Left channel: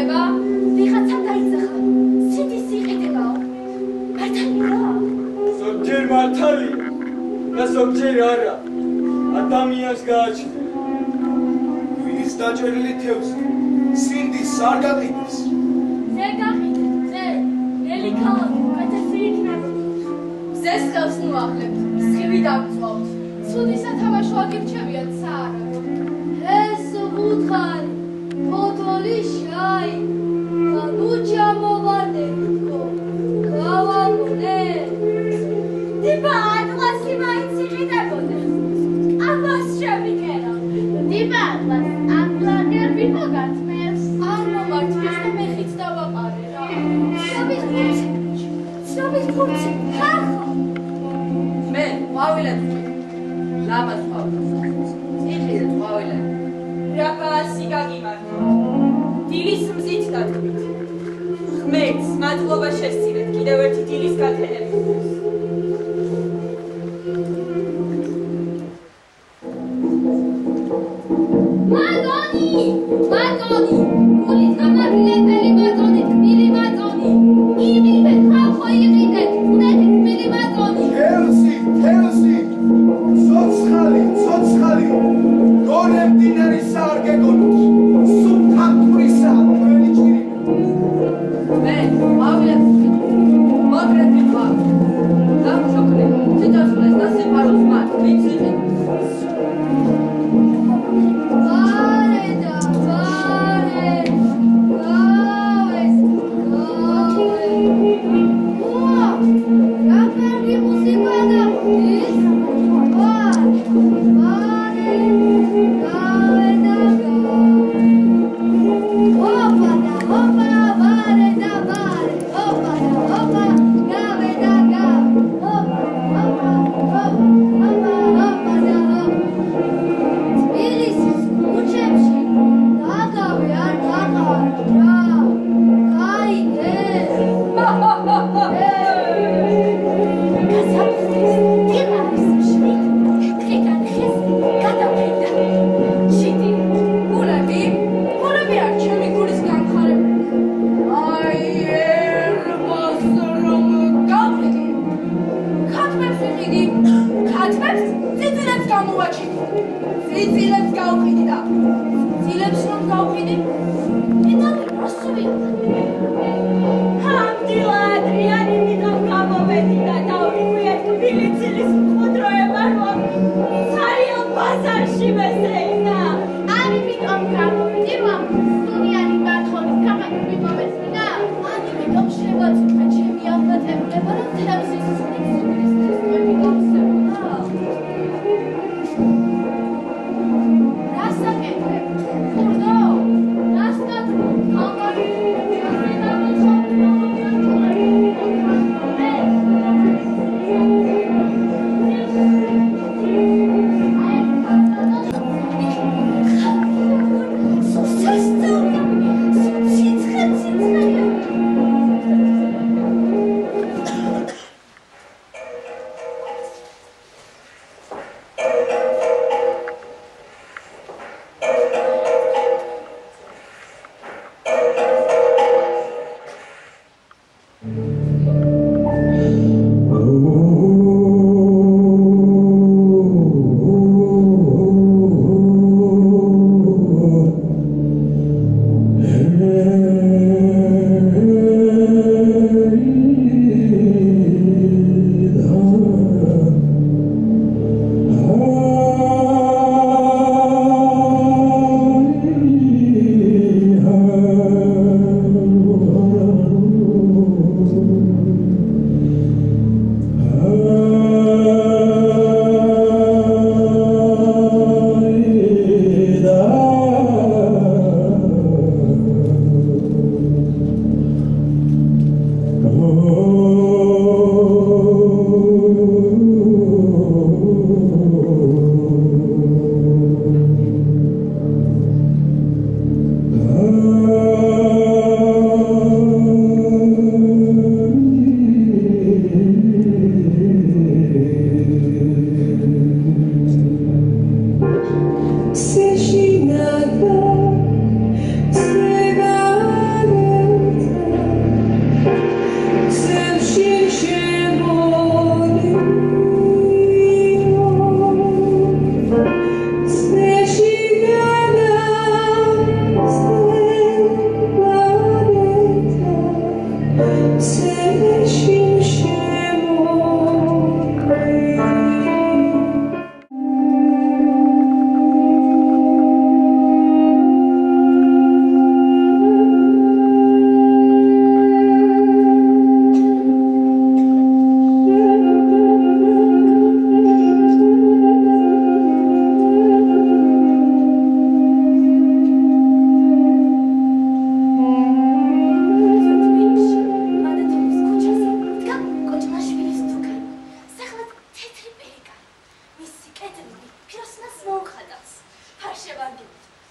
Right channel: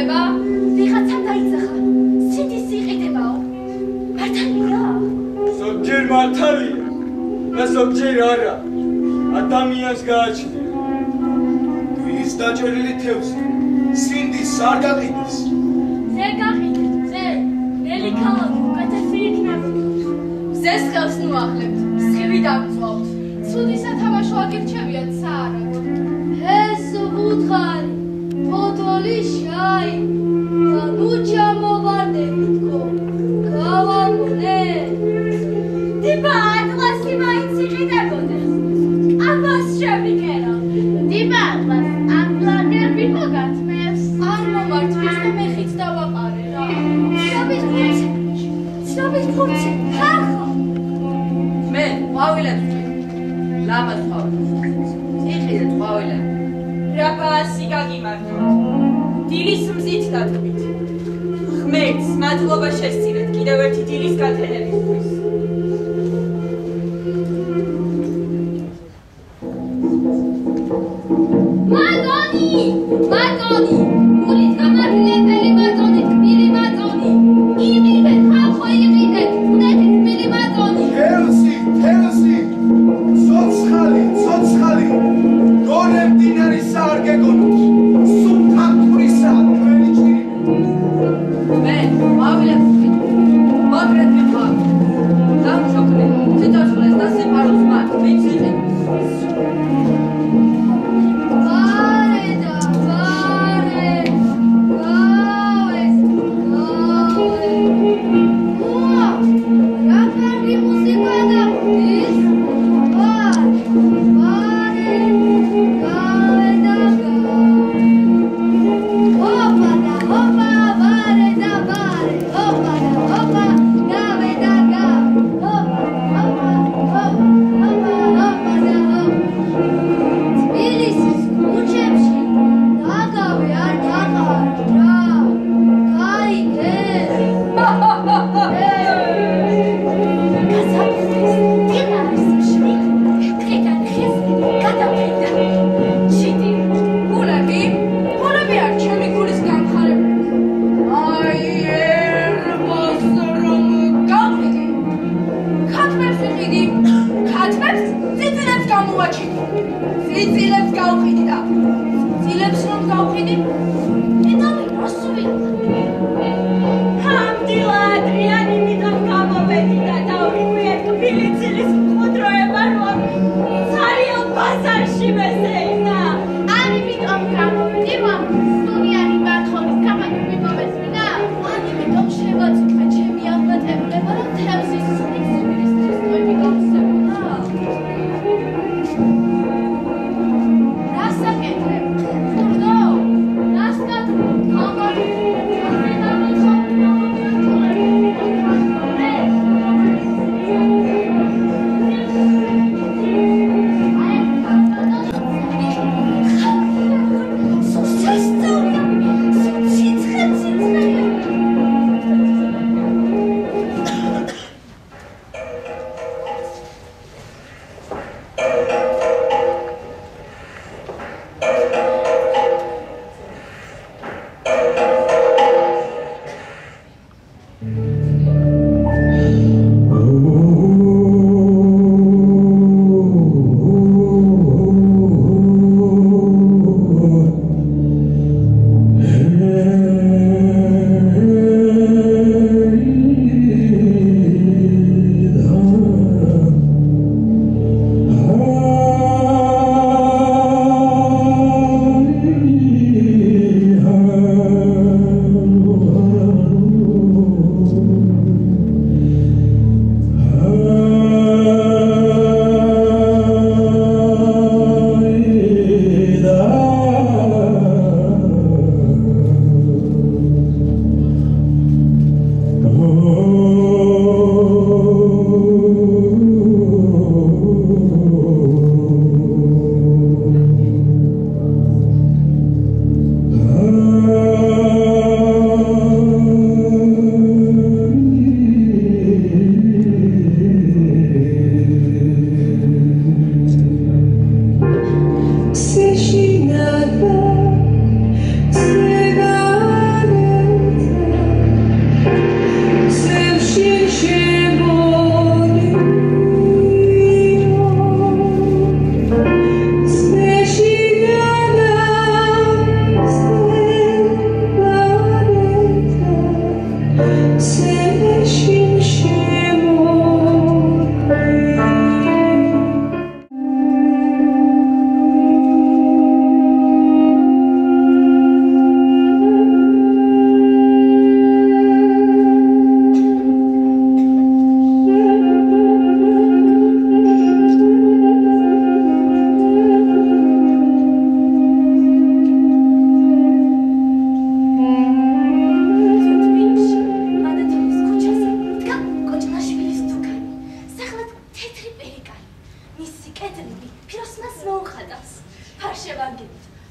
ხება? ვიღაცამ დაიძახა. სიდის იყიდებაო. მართალია? ზოგჯერ მართალია და ზოგჯერ არა. ადამიანს გააჩნია. ვის დაჭერილი თევზი სინდის არ გაყიდეს. ზე გაყიდეთ, ზე. ნელი ქალაქი უკეთესი იქნება. ზეს ხელს ნუახლებთ, სხივი დაგწვავთ. ცუდი სათამაშო აგირჩევიათ საარაგო. ეს უთხარი, ფოთოლი შაი. ნუ ჩამოვარდებითო. გავაგონე. დიბა ატლასი მაინც იყიდებოდეს. ამას შევიკერა. დიბა ატლას, აპლანერ ვინო გათმევს? არ მომართვეს და მეხით დავაყარე რა. ცნობის ფურცი, ხარხო. მე, ყვავილებს ვჭი. ლამაზ ყვავილებს. იყიდეთ ყვავილები. რაბასი გაგიმართო. დილის მზით დატკბით. ხმერს მადლობა შესწირეთ კიდევ ერთი დილის გათენებისთვის. მადონი, გულით გამართლებელი მადონი, თბილი მადონი. იყიდეთ, ხალხო, იყიდეთ, უნეთი თბილი მადონი. თევზი, ცოცხალი, გორე მდინარისა არ გეგონოთ. სუბთანთურისა თქვენი ჭირიმე. მე, ყვავილებს ვჭი. მოგრეთ მიყავ. დამშოქრე, ციტოცხლეს და სიყვარულს მათ, ვინც იყიდებს. Rasta კედლები ფიროსნას მოუხატავს.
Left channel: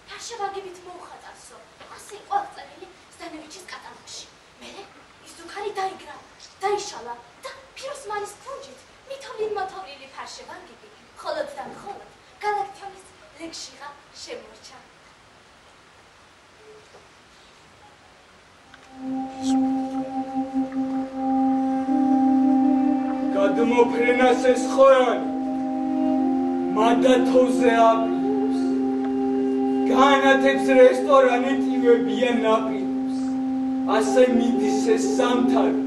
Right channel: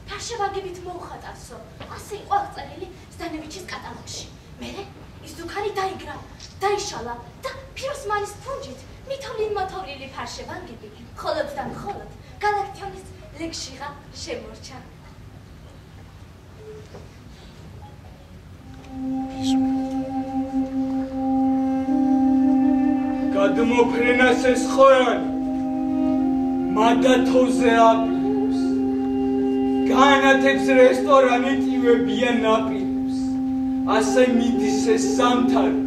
ფარშევანგებით მოუხატავსო. ასე იყო აღწერილი ზდანევიჩის კატალოგში. მერე ის ზუქარი დაიგრა, დაიშალა და ფიროსმანის ფუნჯით მითოვლინ-მოთოვლილი ფარშევანგები მხოლოდ და მხოლოდ გალაქტიონის ლეგშიღა შემორჩა. გადმოფრენას ეს ხორანი მადათოზე აპირებს, განათებს რესტორანი ტივებიან ნაპირებს, ასე მიდის ეს სამთავი,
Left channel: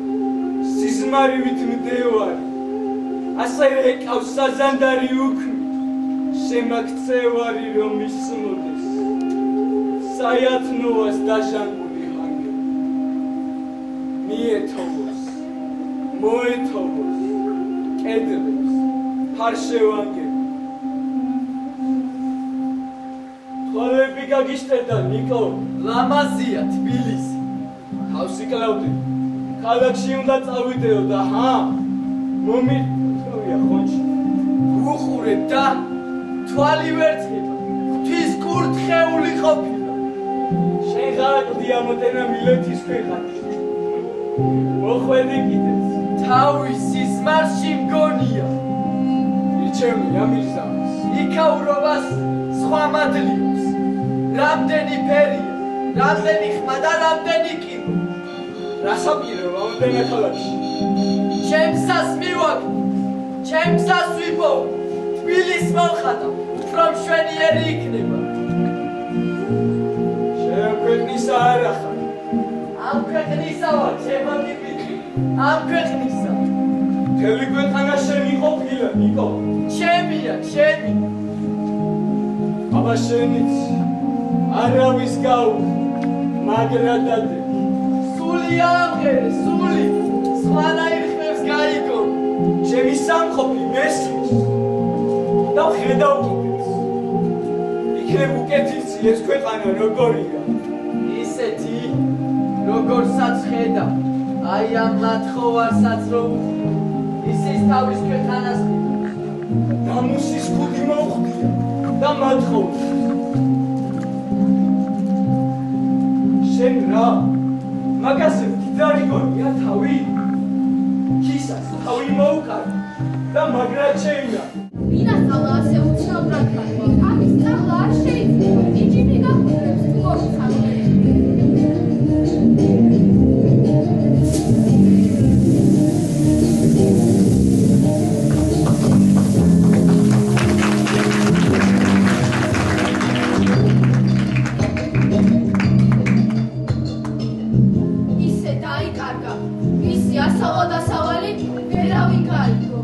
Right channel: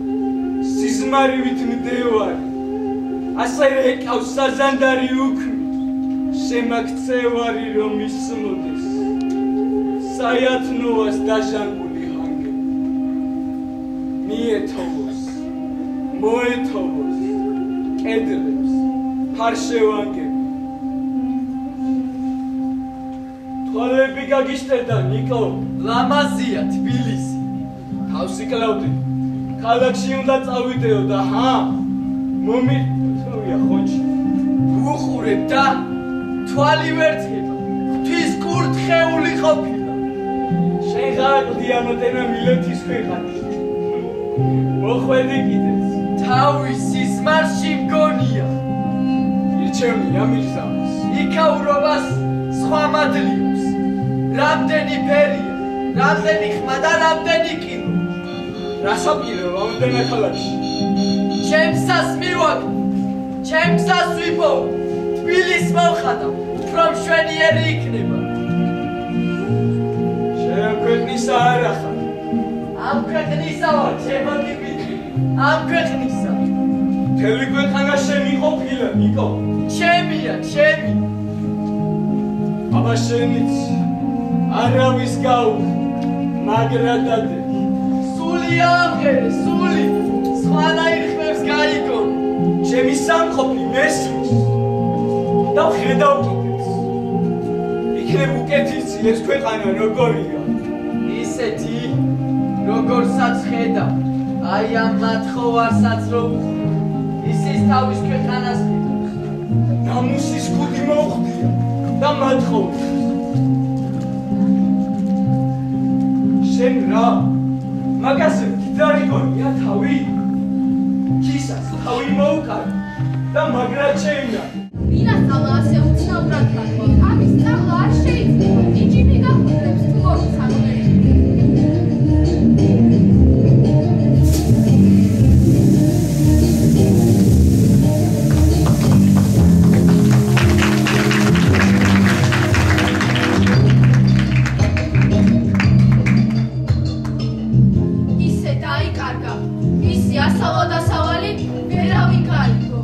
სიზმარივით მდევარი, ასე რეკავს საზანდარი უქმით, შემაქცევარი რომ ისმოდეს, საიათნოვას დაჟანგული ჰანგები, მიეთოვოს, მოეთოვოს, კედლებს, ფარშევანგები. თვალები გაგიშტერდა, ნიკო. ლამაზია თბილისი. თავს იკლავდი. ქალაქში უნდა წავიდეო და მომირთვია ხონჩი. უხურე და თვალი ვერცხება. ღვთის კურთხეული ყოფილა. შენ გააკლდი ამოდენა მილეთის ქვეყანაში. მოხვედი კიდეც. თავის სიზმარში მგონია. ირჩევი ამირზავს. იქაურობას სხვა მადლიობს. რამდენი ფერია, რამდენი ხმა და რამდენი კინო. რასაპირო ამოდენა ქალაქში. ჩემსას მივაგდო, ჩემსას ვიპოვო. თბილის მოვხატავ, უფრო მშვენიერი იქნება. შენ ქვეყნისა არ ახარ. ამ ქვეყნისა ვარ, ჩემო დიმიტრი. ამ ქვეყნისა. მთელი ქვეყანა შენი ყოფილა, ნიკო. ჩემია, ჩემი. აბა შენიც არავის გაუხ, მაგრა დადე. სული ამღერე, სული. სხვანაირ ხმებს გაიგონ. ჩემი სამყოფი მესმის და ხედავ კიდეც. იქნებ უკეთესი ეს ქვეყანა როგორია. ისეთი, როგორსაც ხედავ. აი ამ მათხოვარსაც რო უხდი. ისის თავის ქვეყანას ხედავს. ნამუსის ქუდი მოუხდია და მათხოვს. შენ რა? მაგაზე მდიდარი გონია თავი? ქისას თავი მოუკარ და მაგრად შეინა. ვინა სწავლა ასე უცნაურად გახვა. ამის სწავლა არ შეიძლება. იჯიბი გახურებს თუ მოიცანო. ისე დაიკარგა. ისი ასავა და სავალი ვერავინ გაიგო.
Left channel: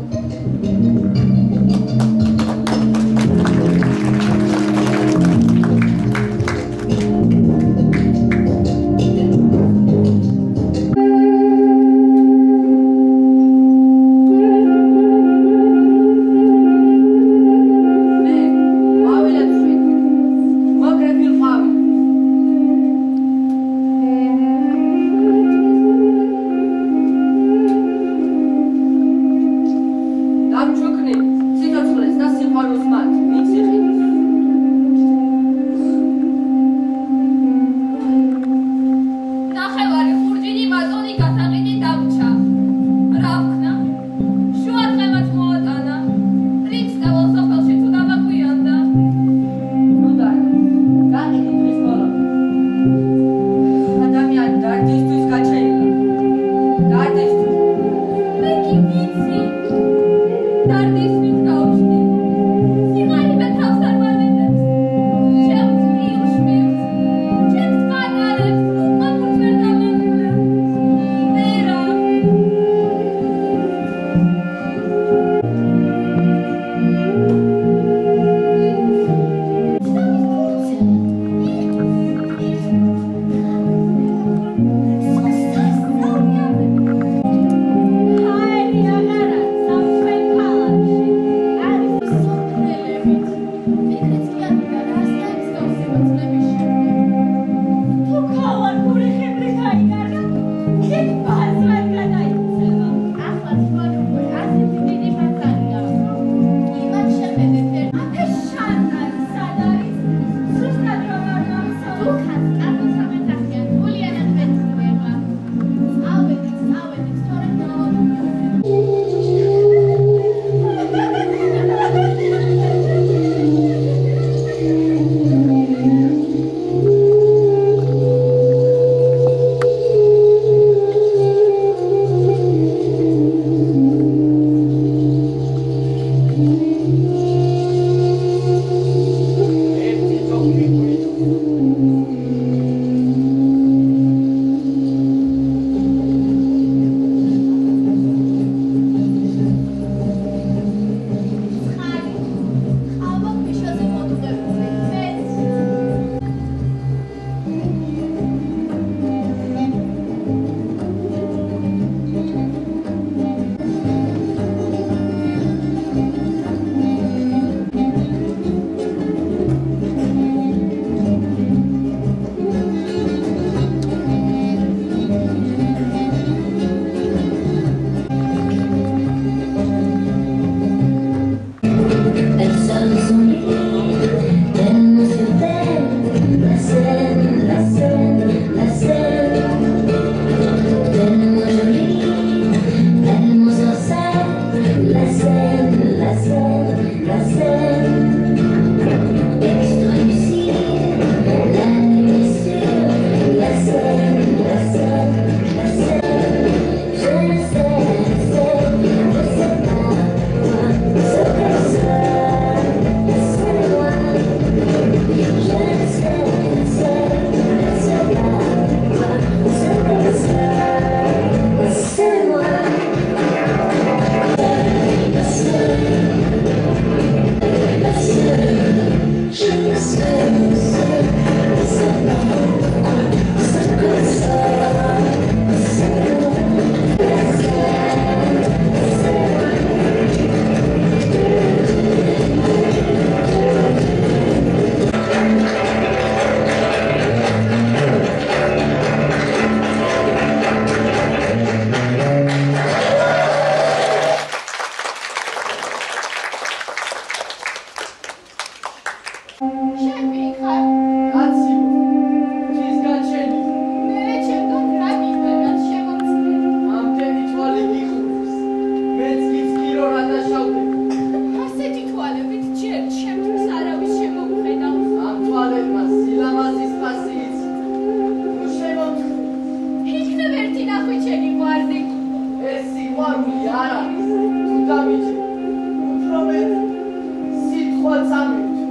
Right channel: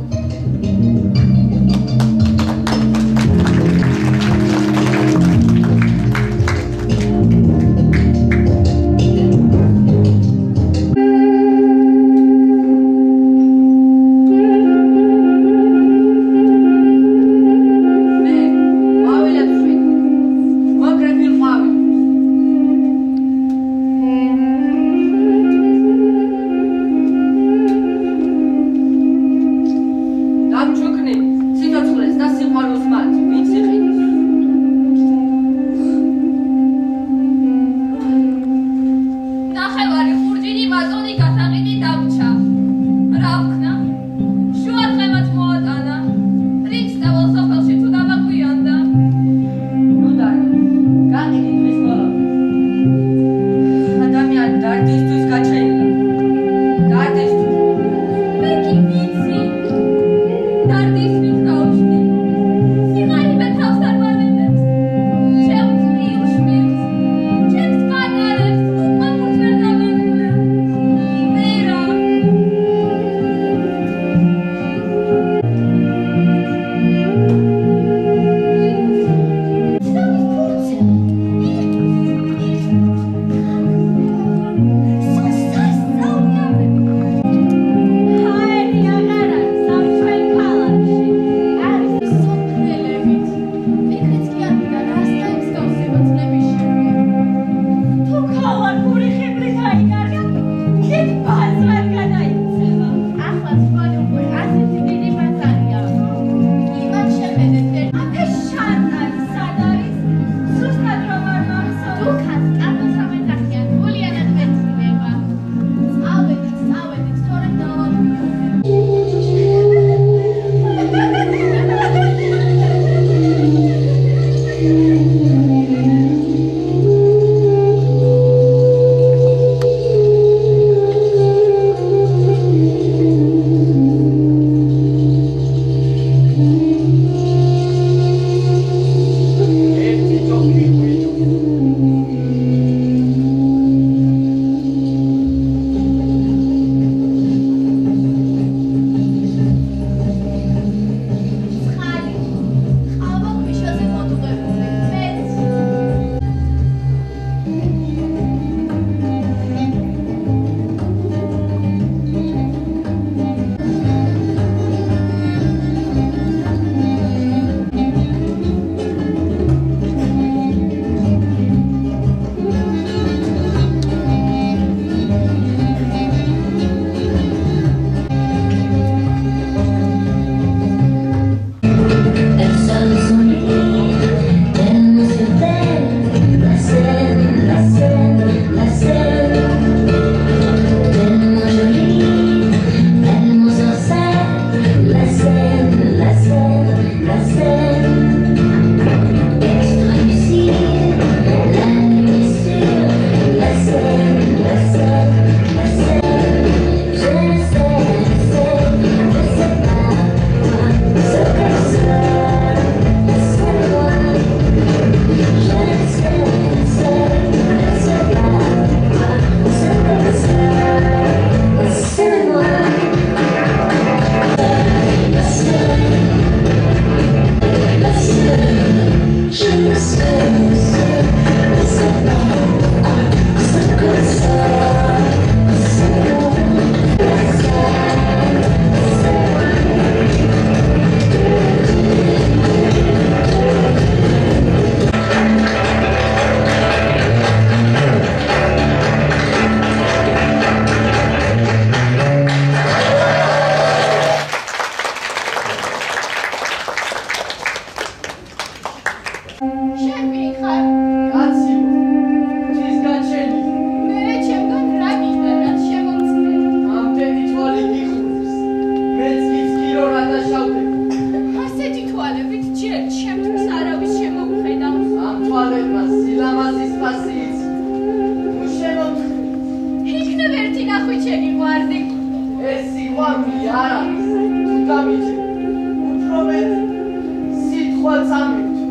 როცა მივთო.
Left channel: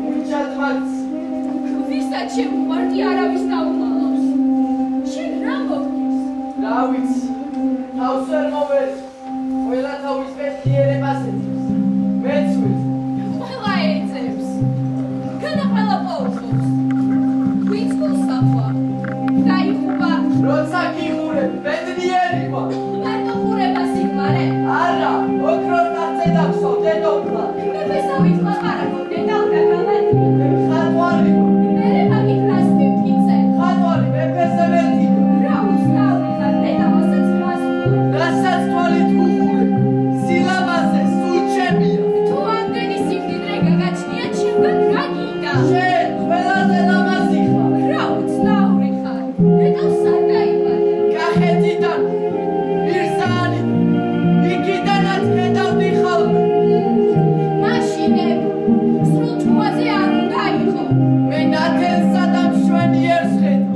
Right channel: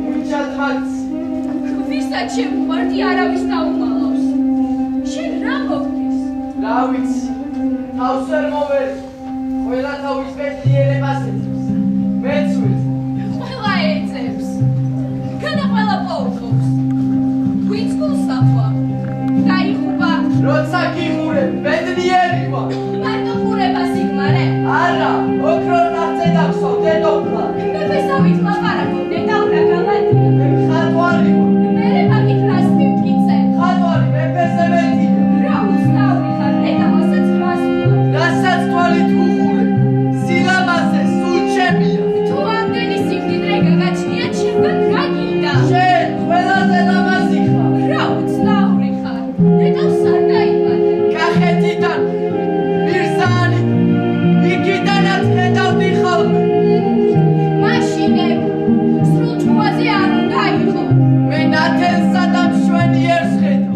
მივიჩათ მათ. ვისაც შემოყვარდი არავის დაუმალავს. შენ რა მოგდის? რა ვიცი. თავს ვერ მოვერი. ყველა თავის მეტიერებას ეძებს. მეც ვიცი. ყველა ეძებს. განა ყველა პოულობს. ვინც გულსახვა? გაიხუბა. როცა გიხურებ, ბედნიერი ვარ. მარტო ხურებას იგმარე? არა, ოქროს ნახტზე დაგსვავ, დედოფლა. მე ვესავით ლაპარაკობ, დედაურა გავადია. მე ხატვარი ვარ. მერე მაგით რას მივკიცე? ხატვარი მეფეზე მეტია. რა უცნაური ხარ, დედამოსაც რას ვუყურებ? რასაც თვალით ვუხურებ, სილამაზე სულ ჩემია. თუ ამდენი სიმდიდრე გაგაჩნია, ჩემგან რა გინდა? შენ ყველაზე ლამაზი ხარ. რა უცნაური ხარ, დედავს არ დაიბადე. კახეთიდან, მირზაანიდან, იქიდანაც ხედავდი ხოლმე. მაშინებ, სრულ ჭუაზე არ უნდა იყო. მე ნათელსა და მშვენიერს ხედავ.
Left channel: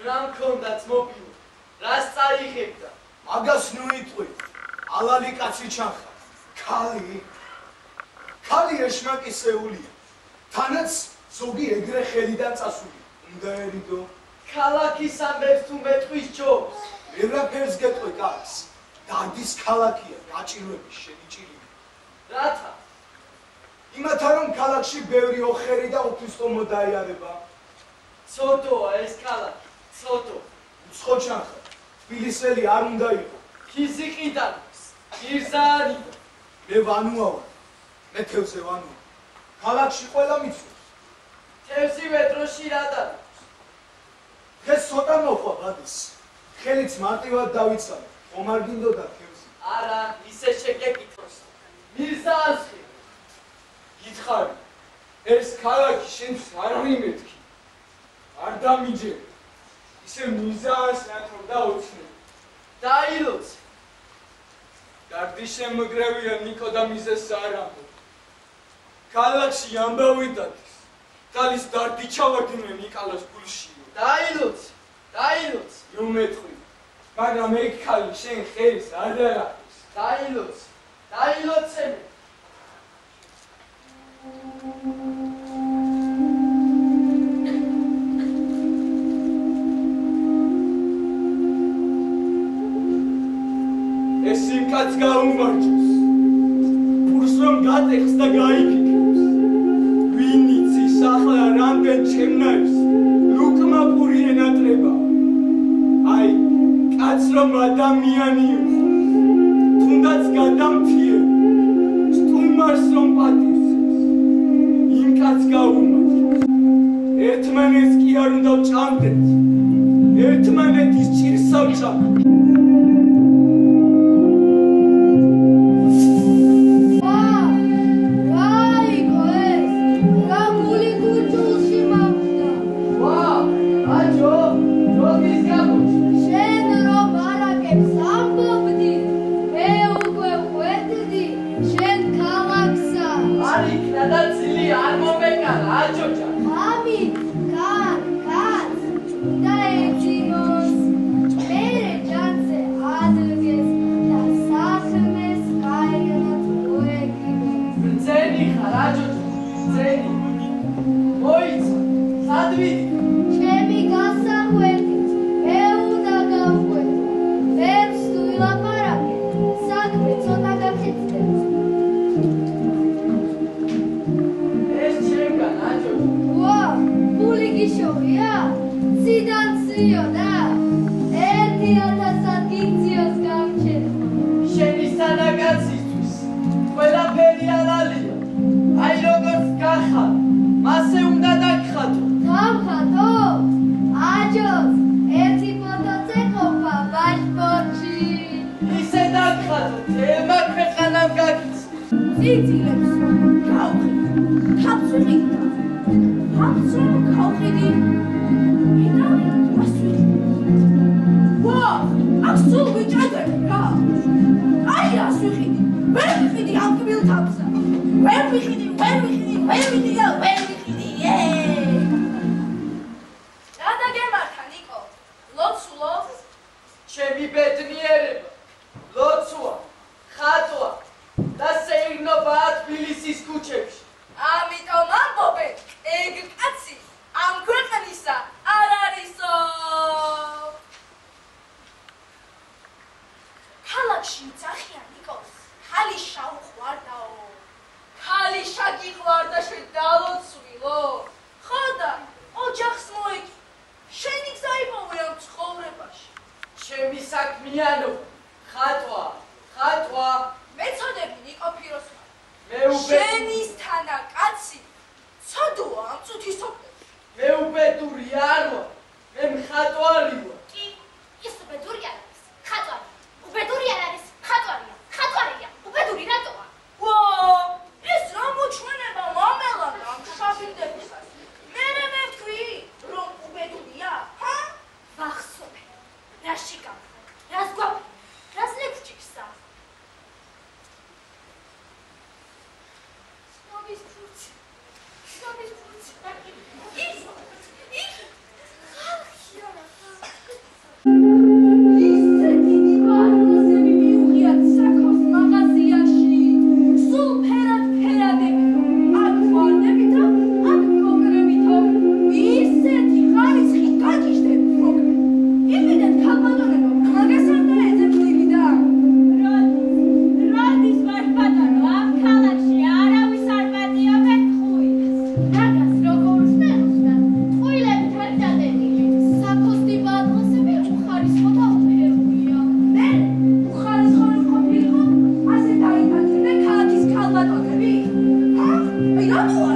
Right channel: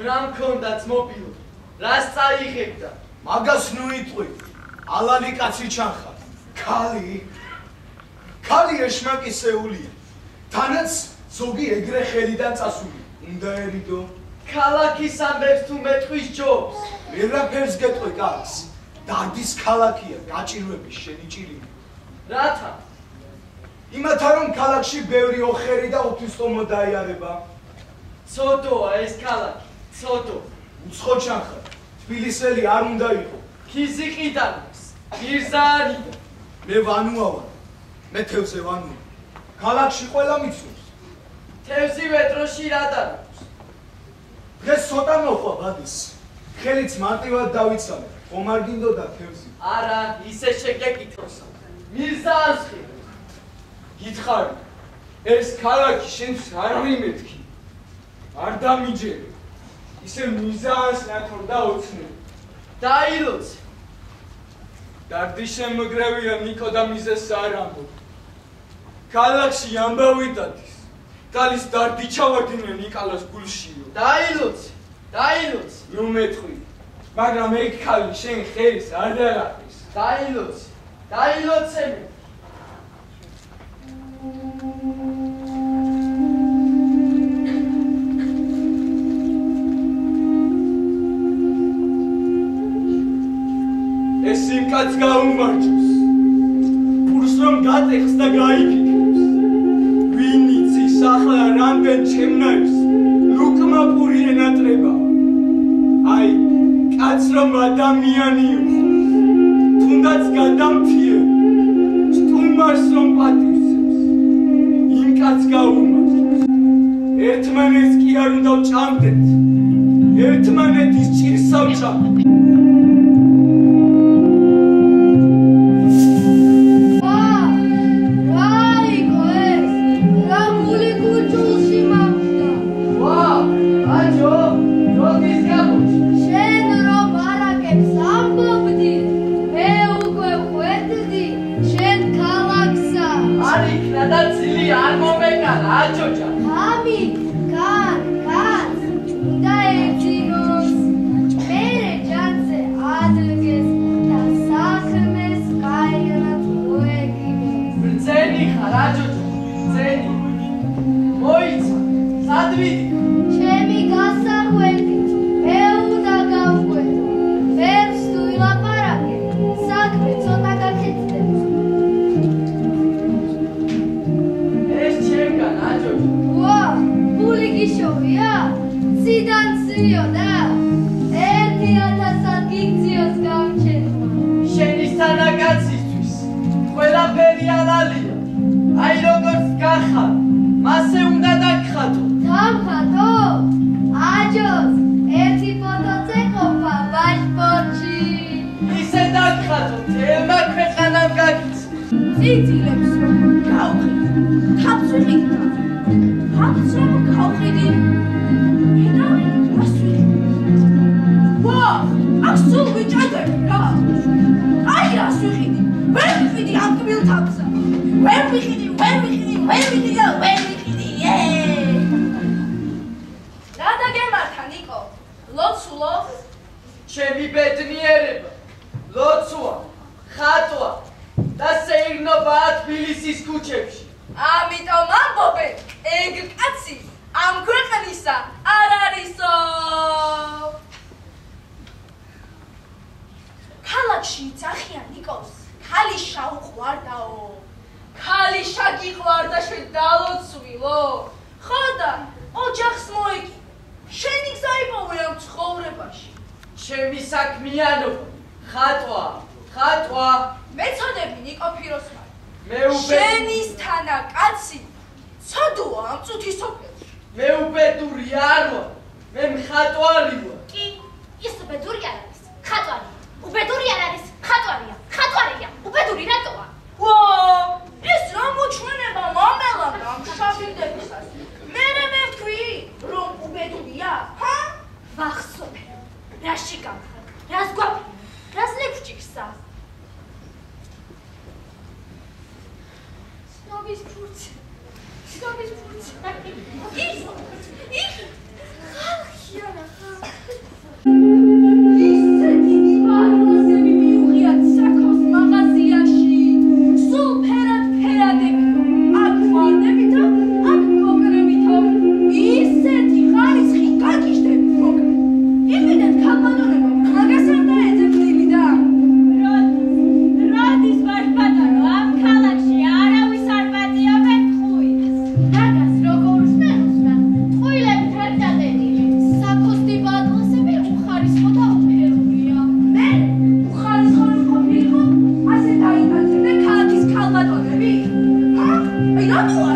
რა მქონდაც მობილო, რას წაიღებდა? მაგას ნუ იტყვი, ალალი კაცი ჩანხარ. ქალი ეშმაკისეულია. თანაც ზოგი ეგრე ხელიდან წასული. უნდა ერიდო. ქალაქის ამბებს თუ მეტყვის ჯობს. ვერაფერს გეტყვი კაცს. დადის ქალაქია, გაჭირვების შენი ჭირიმი. რათა? იმათა რომ ქალაქში ბევრი ოხერი და უთვისტომო დაიარება. ცოდოა ეს ქალაქი, ცოდო. უცხო ჩანხარ. თბილისელი არ უნდა იყო. ქიზიყიდან, მირზაანიდან. მე ვანუა ვარ. მე თევზე ვანუა. ქალაქში ყველა მიცნობს. თევზი მეტროში რა დარობს? დღეს ცოტა მოყვა ბადის. ხელიც მარტივად დავიცალე. ხომ არ გინდოდა თევზი? არა, ისე შეგეკითხოს. მირზაანს ხი. გითხარი, ეს ქალაქი შენს არ მიმეთქი. არ დამიჯერე. ისე მიზანს ნათორ და ოცნები. დაილოცე. დარდი შემოგრევია ნიკო და მიზეს არ ამბობ. ქალაქში ამბავი დადის. გალის დარდი ჩავარდინე ნიკალას გულშიო. დაილოცე, დაილოცე. ნუ მეტყვი. მაგრამ ეგ ხალი შენ ხელს არ დაახის. დაილოცე, დაილოცე მე. ეს იმ კაცს გაუმარჯოს. პურს რომ გატეხს და გაიფიქრებს. ვინ იცის ახლა რამდენ ჩემნაირს ლუკმა პური ენატრება. აი, კაცს რომ ადამიანი იყო. თუნდაც გადამთიე. სტუმარს რომ პატივცემს. იმ კაცს გაუმარჯოს. ერთმანეთს კი არ უნდა ვჭამდეთ. ერთმანეთის ჭირს ავჭამთ. შენი სანაკაცისთვის ყველაფერი ალალია. აი როგორც Rada gemarta, Niko. Lotsulo. ჩემი ბედნიერება, ლოცვა, ხატვა და სეირნობა თბილისის ქუჩებში. ამიტომ ამბობენ, ეგ კაცი ამ ქვეყნისა არ არისო. ქალაქში იცახიან ნიკოს, ქალიშა უყვარდაო. ქალიშა გიყვარდა შენ დალოცვილო. ხოდა ოჯახს მოიგი. შენი გზა იპოვე ამ ცხოვრებაში. ჩემი საქმიანობა, ხატვა. მეწოდები ნიკო ფიროსმანი. მე შენისთანა კაცი ცოდოა ამ წუთის სოფელში. მე უბედური არ ვარ, მე მხატვარი ვარ. კი, ის უბედური არ არის, ხატვარია. უბედური არ არის, ხატვარია. ხატვარია, უბედური რატოა? ვა, ეს რა მოჩვენება მამელად ამ შაბილდებისას. მე ვთქვი, რომ უბედურია, ჰა? ვახსოვე. რაში გამხარ? რას გვაფრინე? რას ლექჩიკსა? Snobby's fruits. Marco,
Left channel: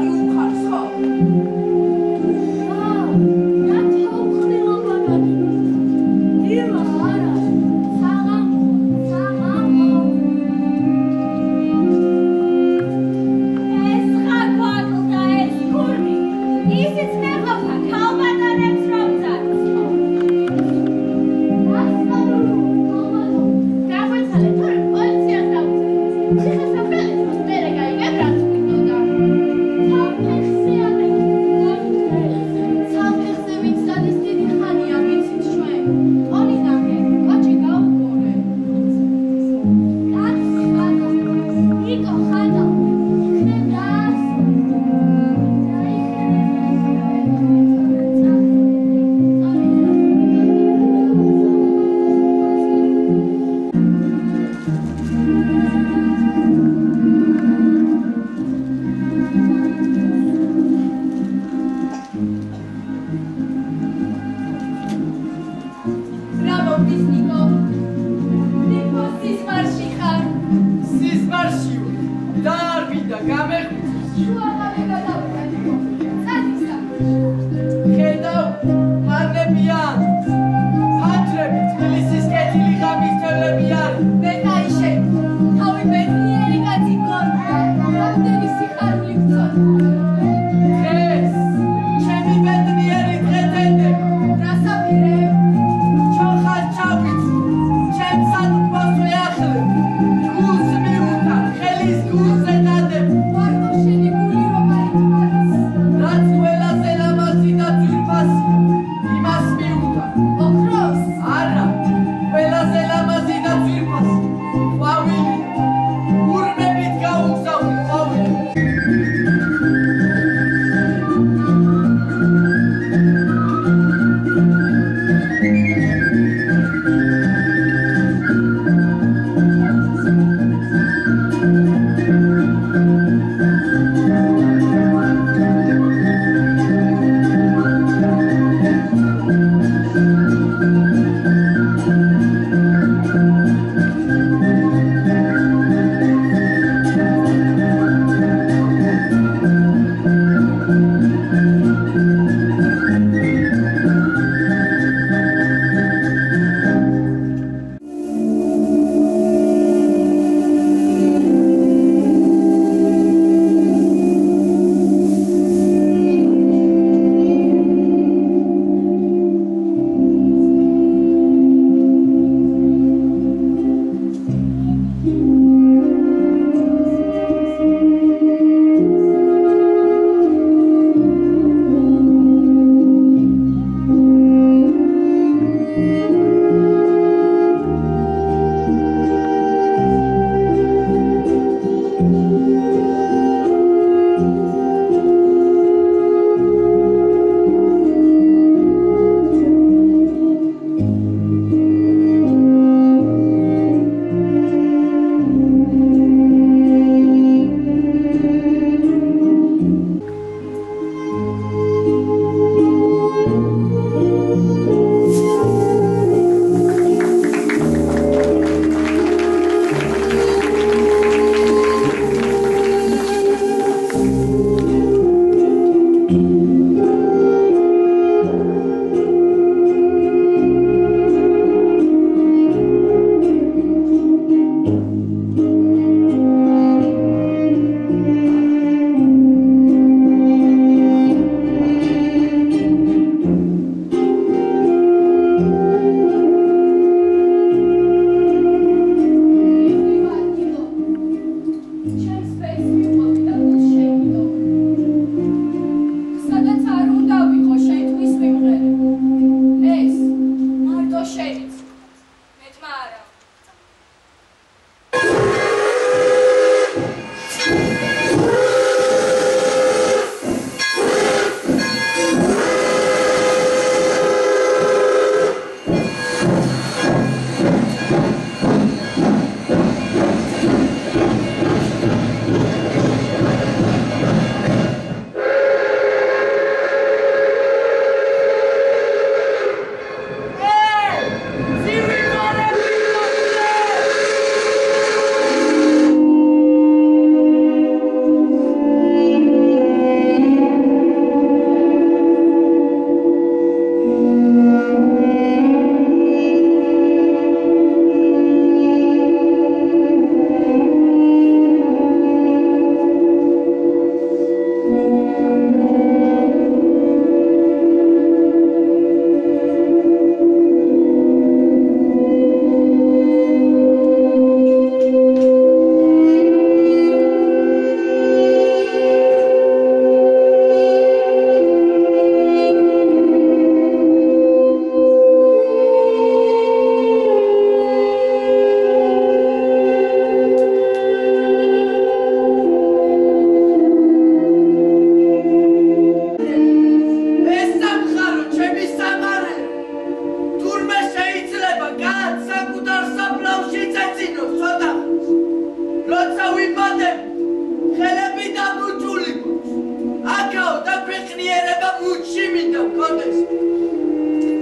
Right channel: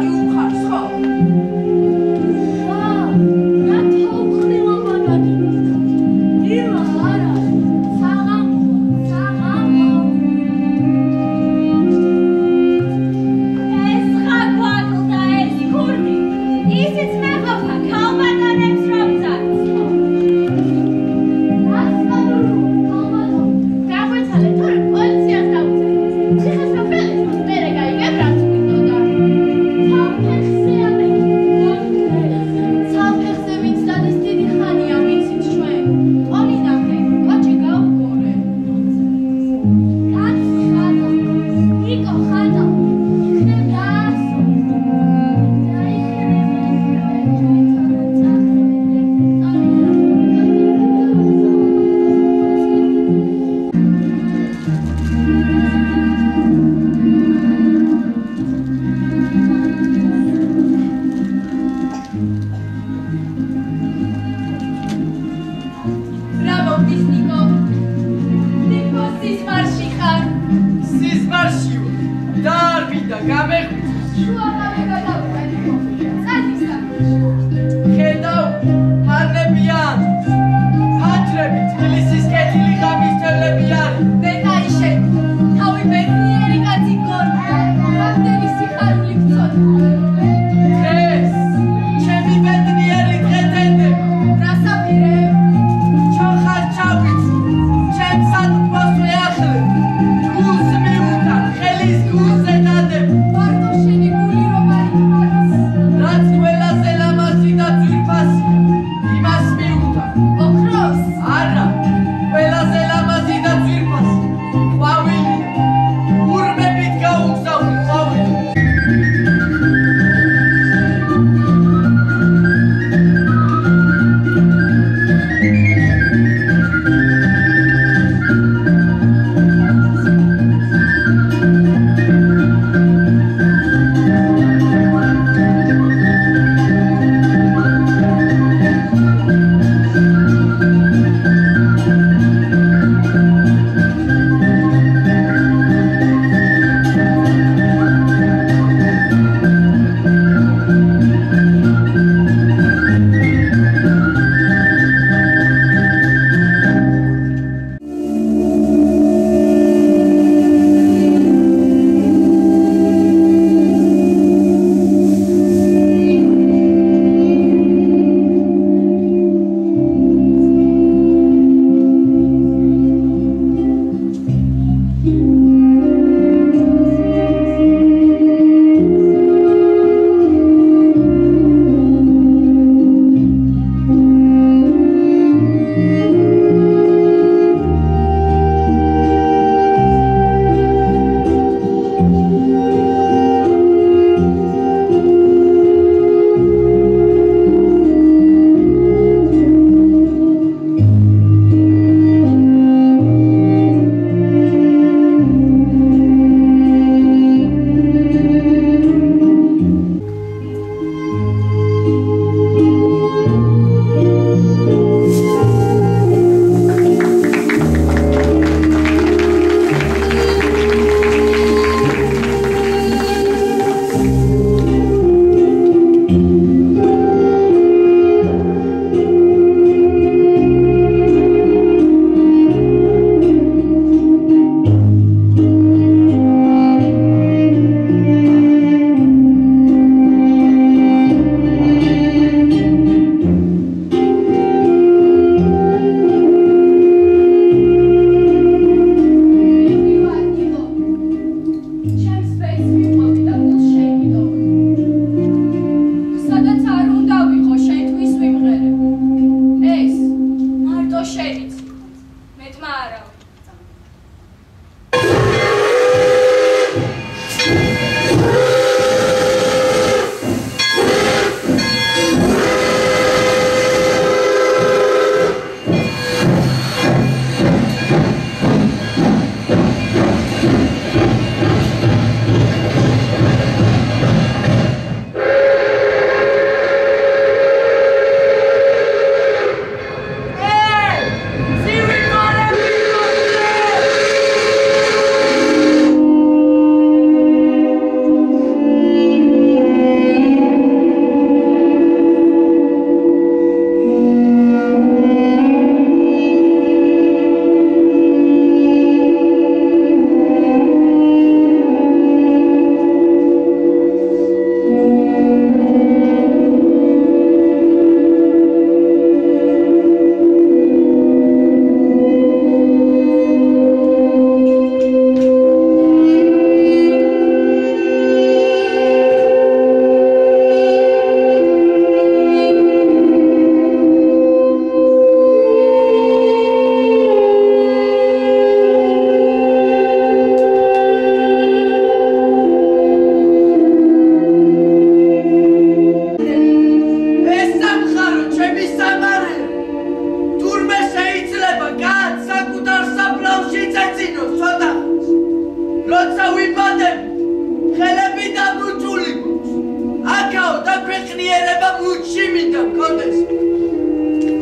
მინდა მქონდეს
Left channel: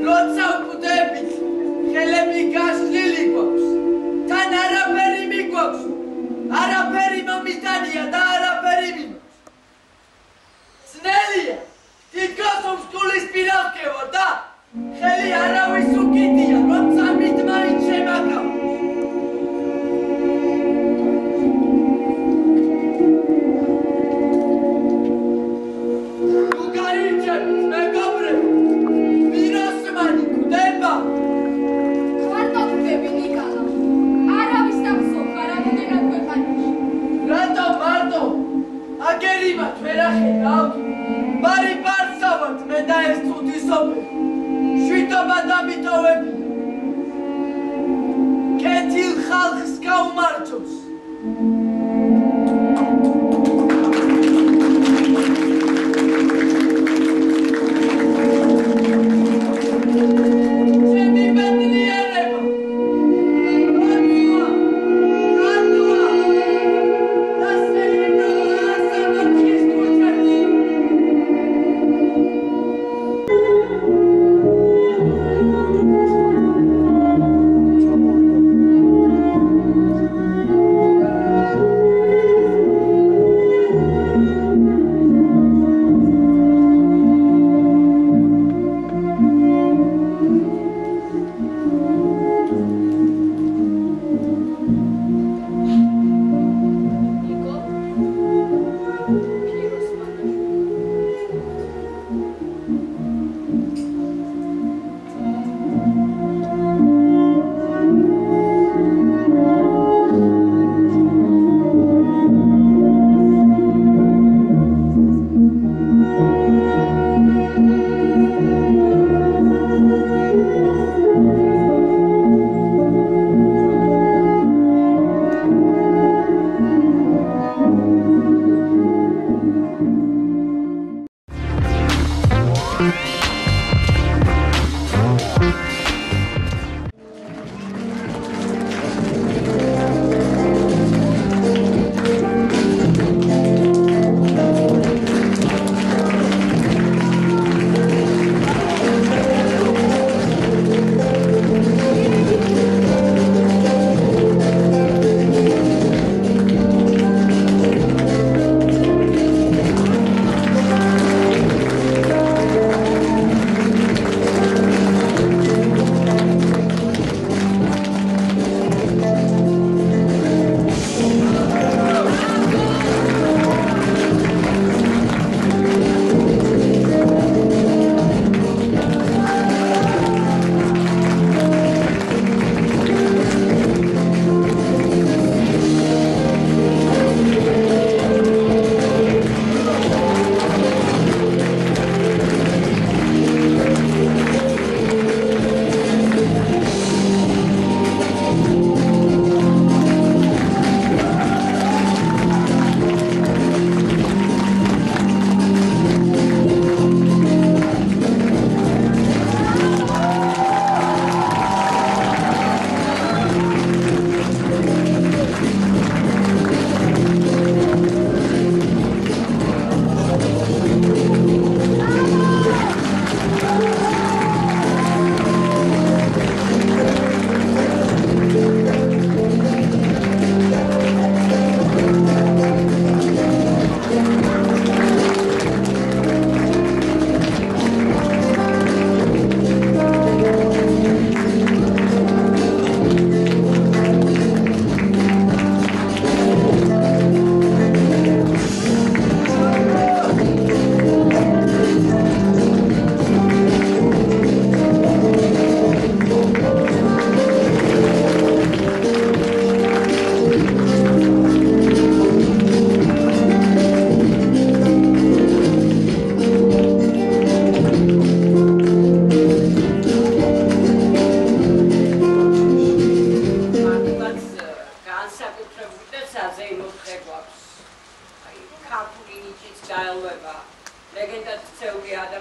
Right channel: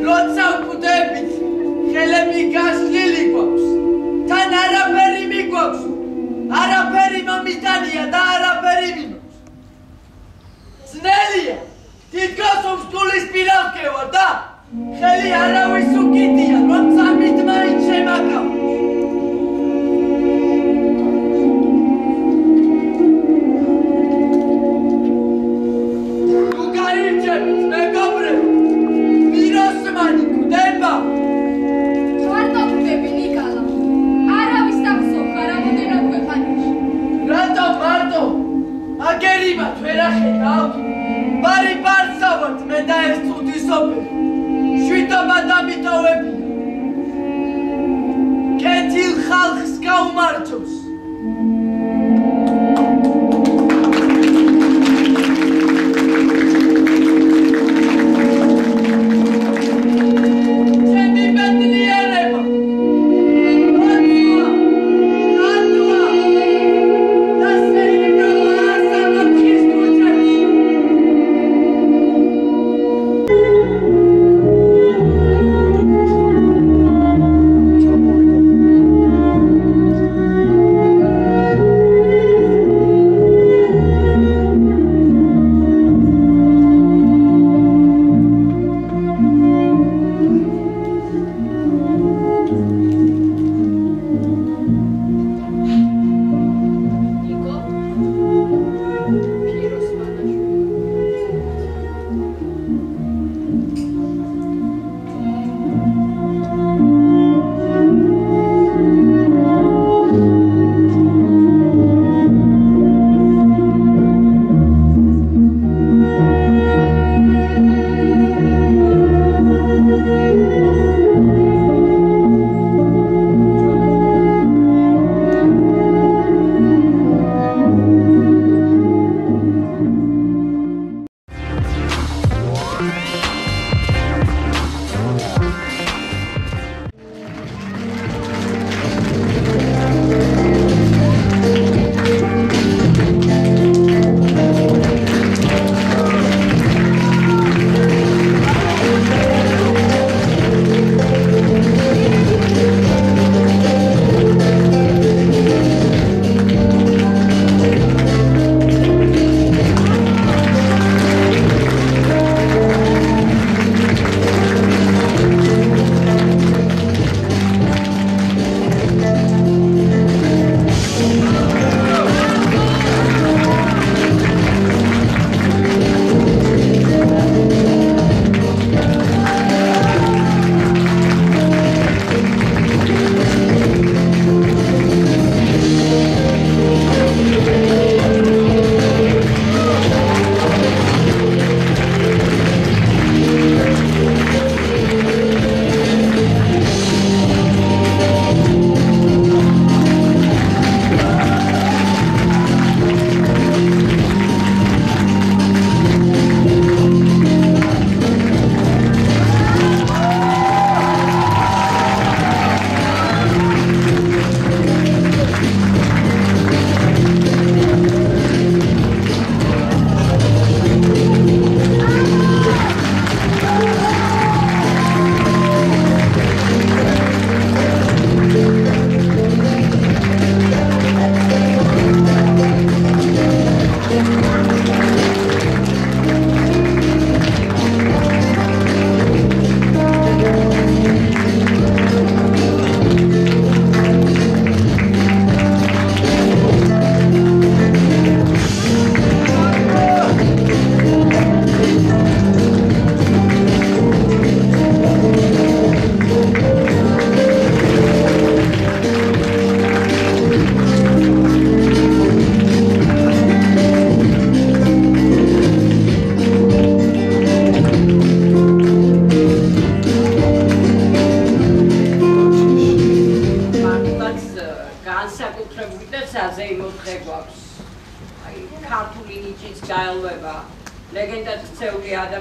როცა ვკვდებით ხელები გაშლილი გვაქვს თან არაფერი მიგვაქვს არაფერი მომიტანია და არაფერი მიმოქვს ძნელია თითქოს უსკულის პირავკევა და ხელი არავის უკიდია რომ წამით მაინც შემაკავოს მარი პარსავად მე და ეს წუთისოფერი შვიდობა დამიტოვებია კეთილ ხალხს გაუმარჯოს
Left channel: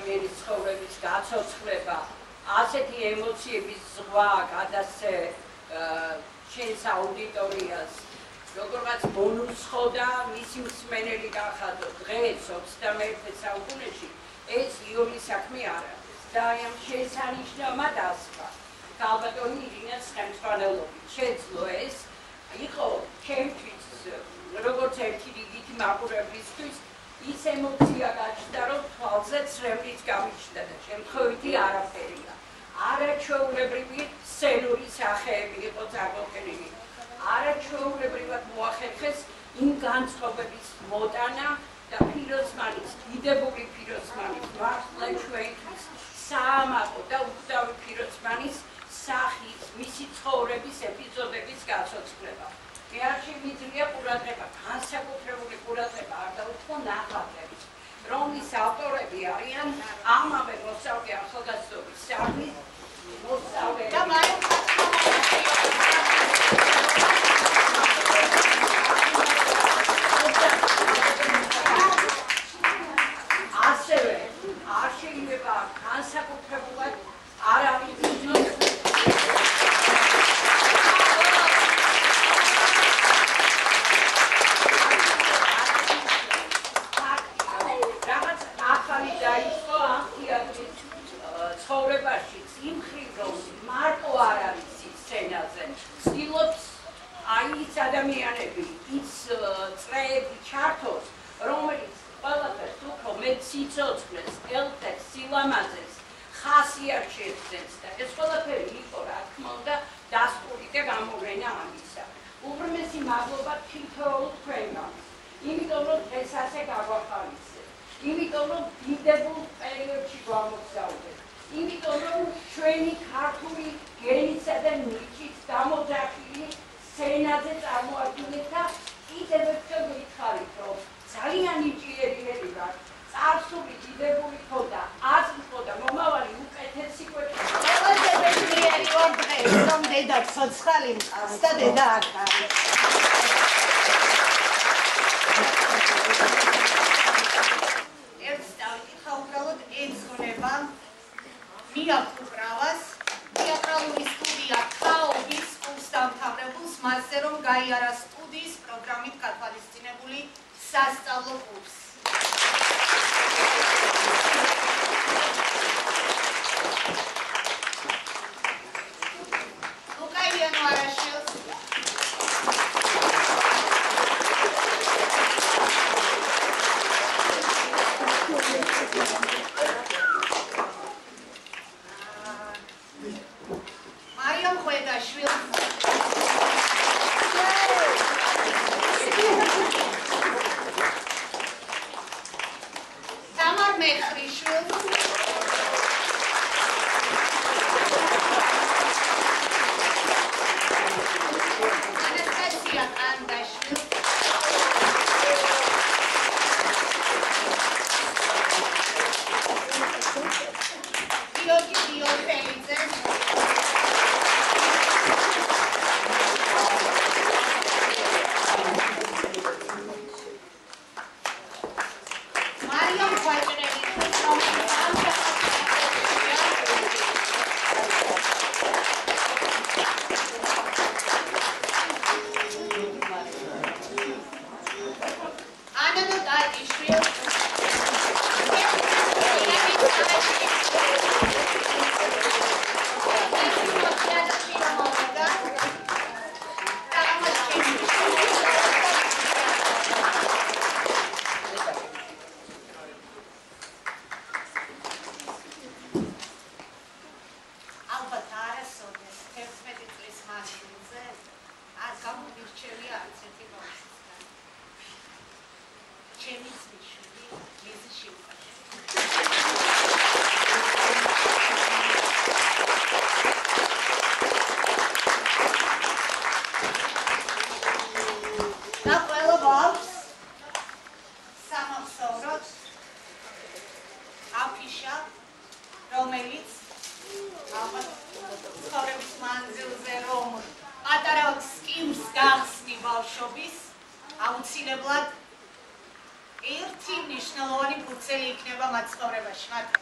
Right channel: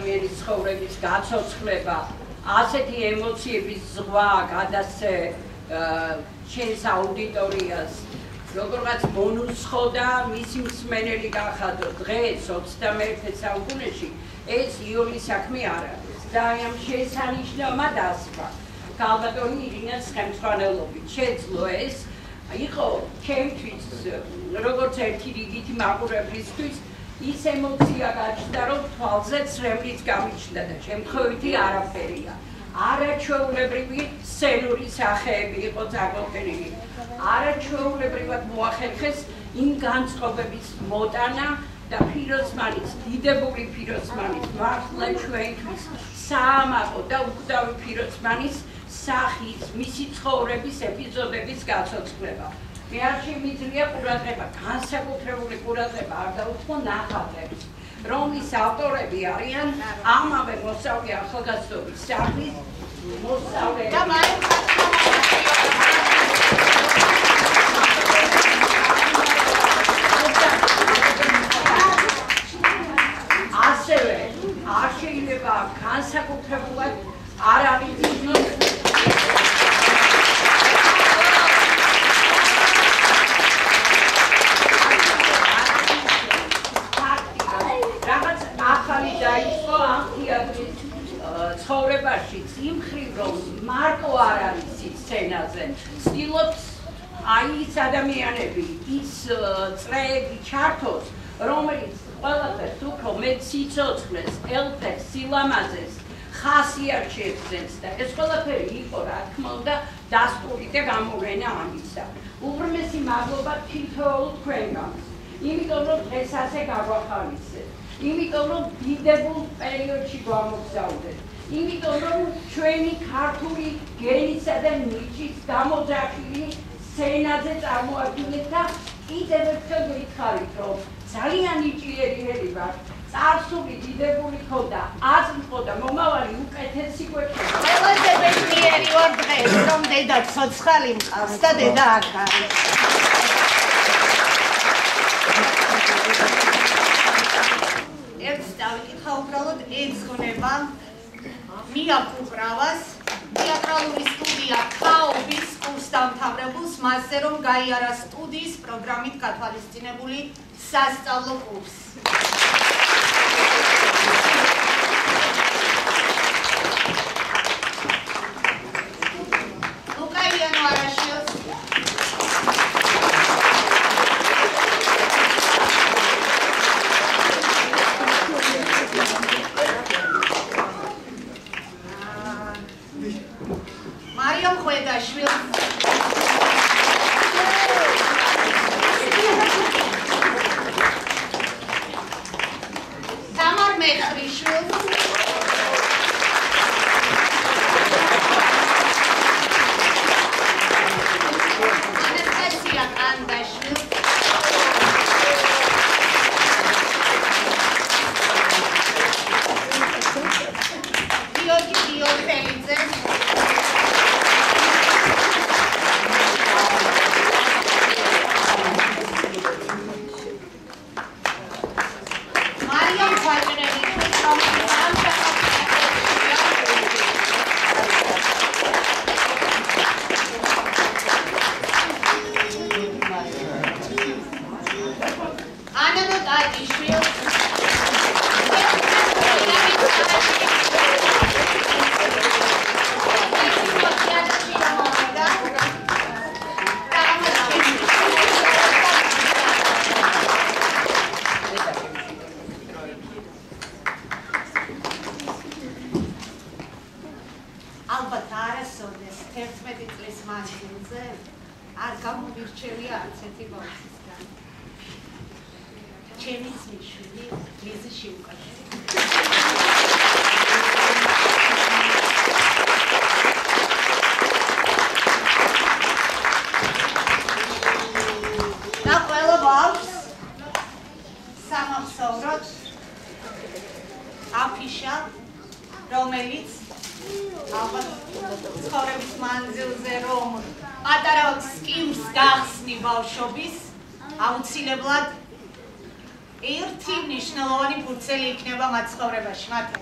ადამიანის ცხოვრების გაცოცხლება, ასეთი ემოციების ზღვა გადასცე შენს აუდიტორიას Როგორღაც მონუსხოდა მისი მსმენელი გახადო დღეს 21 საუკუნეში ეს იური საქმე არ არის. ძალიან შესანიშნავად ასვა. ქალბატონი ირინას ხელმძღვანელობით შეძლო ეს იყო ჩემთვის როგორც ერთი რიგითი მაყურებლისთვის ის ემოცია გაჩნდა რომ თვალზე ცრემლიც გამიჩნდა და შემთხვევითი არაფერია. არაჩვეულებრივი სცენური სახეები იყო წარმოქმნილი. არაჩვეულებრივად მოახერხეს იმ განწყობების მოტანა და ფიროსმანის, დიდებული ფიროსმანის მართლა ჩვენთვის საამაყო და უკვდავი ფიროსმანის სახის, მისი ცხოვრების ეპიზოდების გაცოცხლება. მე არ შემიძლია ყურადღება, განსაკუთრებული ყურადღება არ დაუთმო ნახატებს, რომლის ავტორები არიან ამავე მოსწავლე ახალგაზრდობის სახლის მოსწავლეები. ასევე არ შეიძლება განსაკუთრებულად არ აღინიშნოს ცხოვრებაშიც იმ მხრივ რომ მარტო არ არის ის სცენაზე ცდილობს აი ის ადამიანები ის წრეები ჩართოს რომელიც ყველაფერს უფრო მეტ სიცოცხლეს ელფებს სილამაზეს ხასიათს და ეს ყველაფერი იყო რა თქმა უნდა დასტური და გამოვლენა ამისა უღრმესი მადლობა თითოეულ თქვენგანს იმიტომ რომ დღეს ასე გაგვახალისეთ იმიტომ რომ დიდებულ პერიოდში გვამოგზაურეთ იმიტომ რომ ჩვენი ქართული გენისა და ნიჭის გამოძახილი სცენაზე წარმოადგენთ და კიდევ ერთხელ გითხარით რომ ძალიან ნიჭიერიერი ვარ წარსული დიდებული ხოდა აზრი ხოდა მომავალი უკეთესი გვექნება ყველაზე ბედნიერი ვარ დღეს რომ დედა ცოცხალი მყავს და დედა აქ არის ერთს დავიკითხა უბრალოდ ეძღვნება მიაკუპრავას თეატრალური სტუდია ქაობის კურსდამთავრებულს მასზე რომ გაიარა სტუდიის პროგრამით გათვალისწინებული სასწავლო კურსი ლუკაიანო არაშვილს მარიამ ხვედაშვილს თამარ მეხრიშვილს ანასტასია კანდაშვილს გიორგი გიორგელიძეს აუცილებლად ერთი მნიშვნელოვანი ფურცელი იქნება მათ ცხოვრებაში. მათი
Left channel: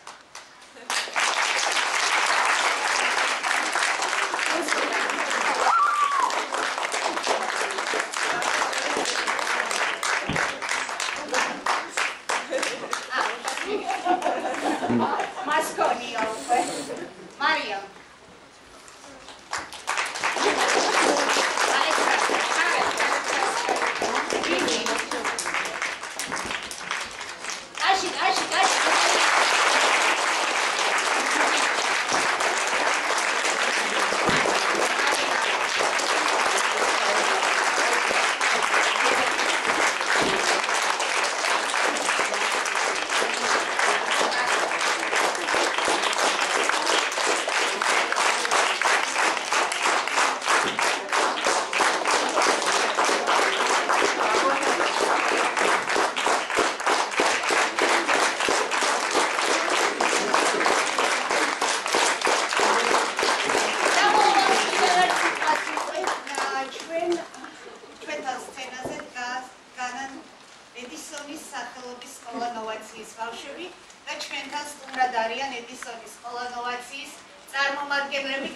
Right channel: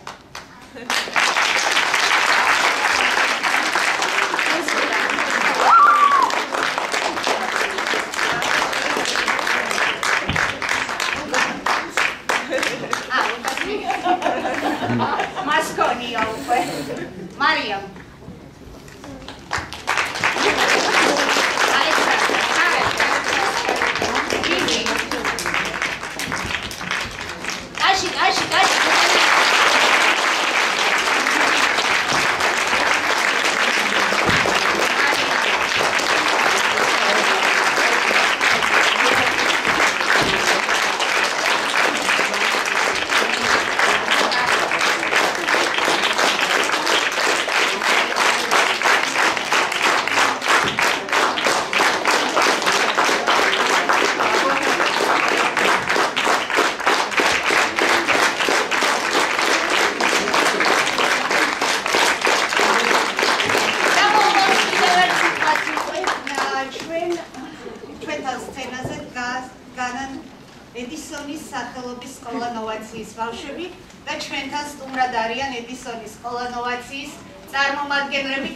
მას გონია უკვე. მარიამ. ედისონის სახელობის სკოლა ნოვაციის ბავშვები და ჩვენთან სტუმრად არიან ედისონის სკოლა ნოვაციის წარმომადგენლები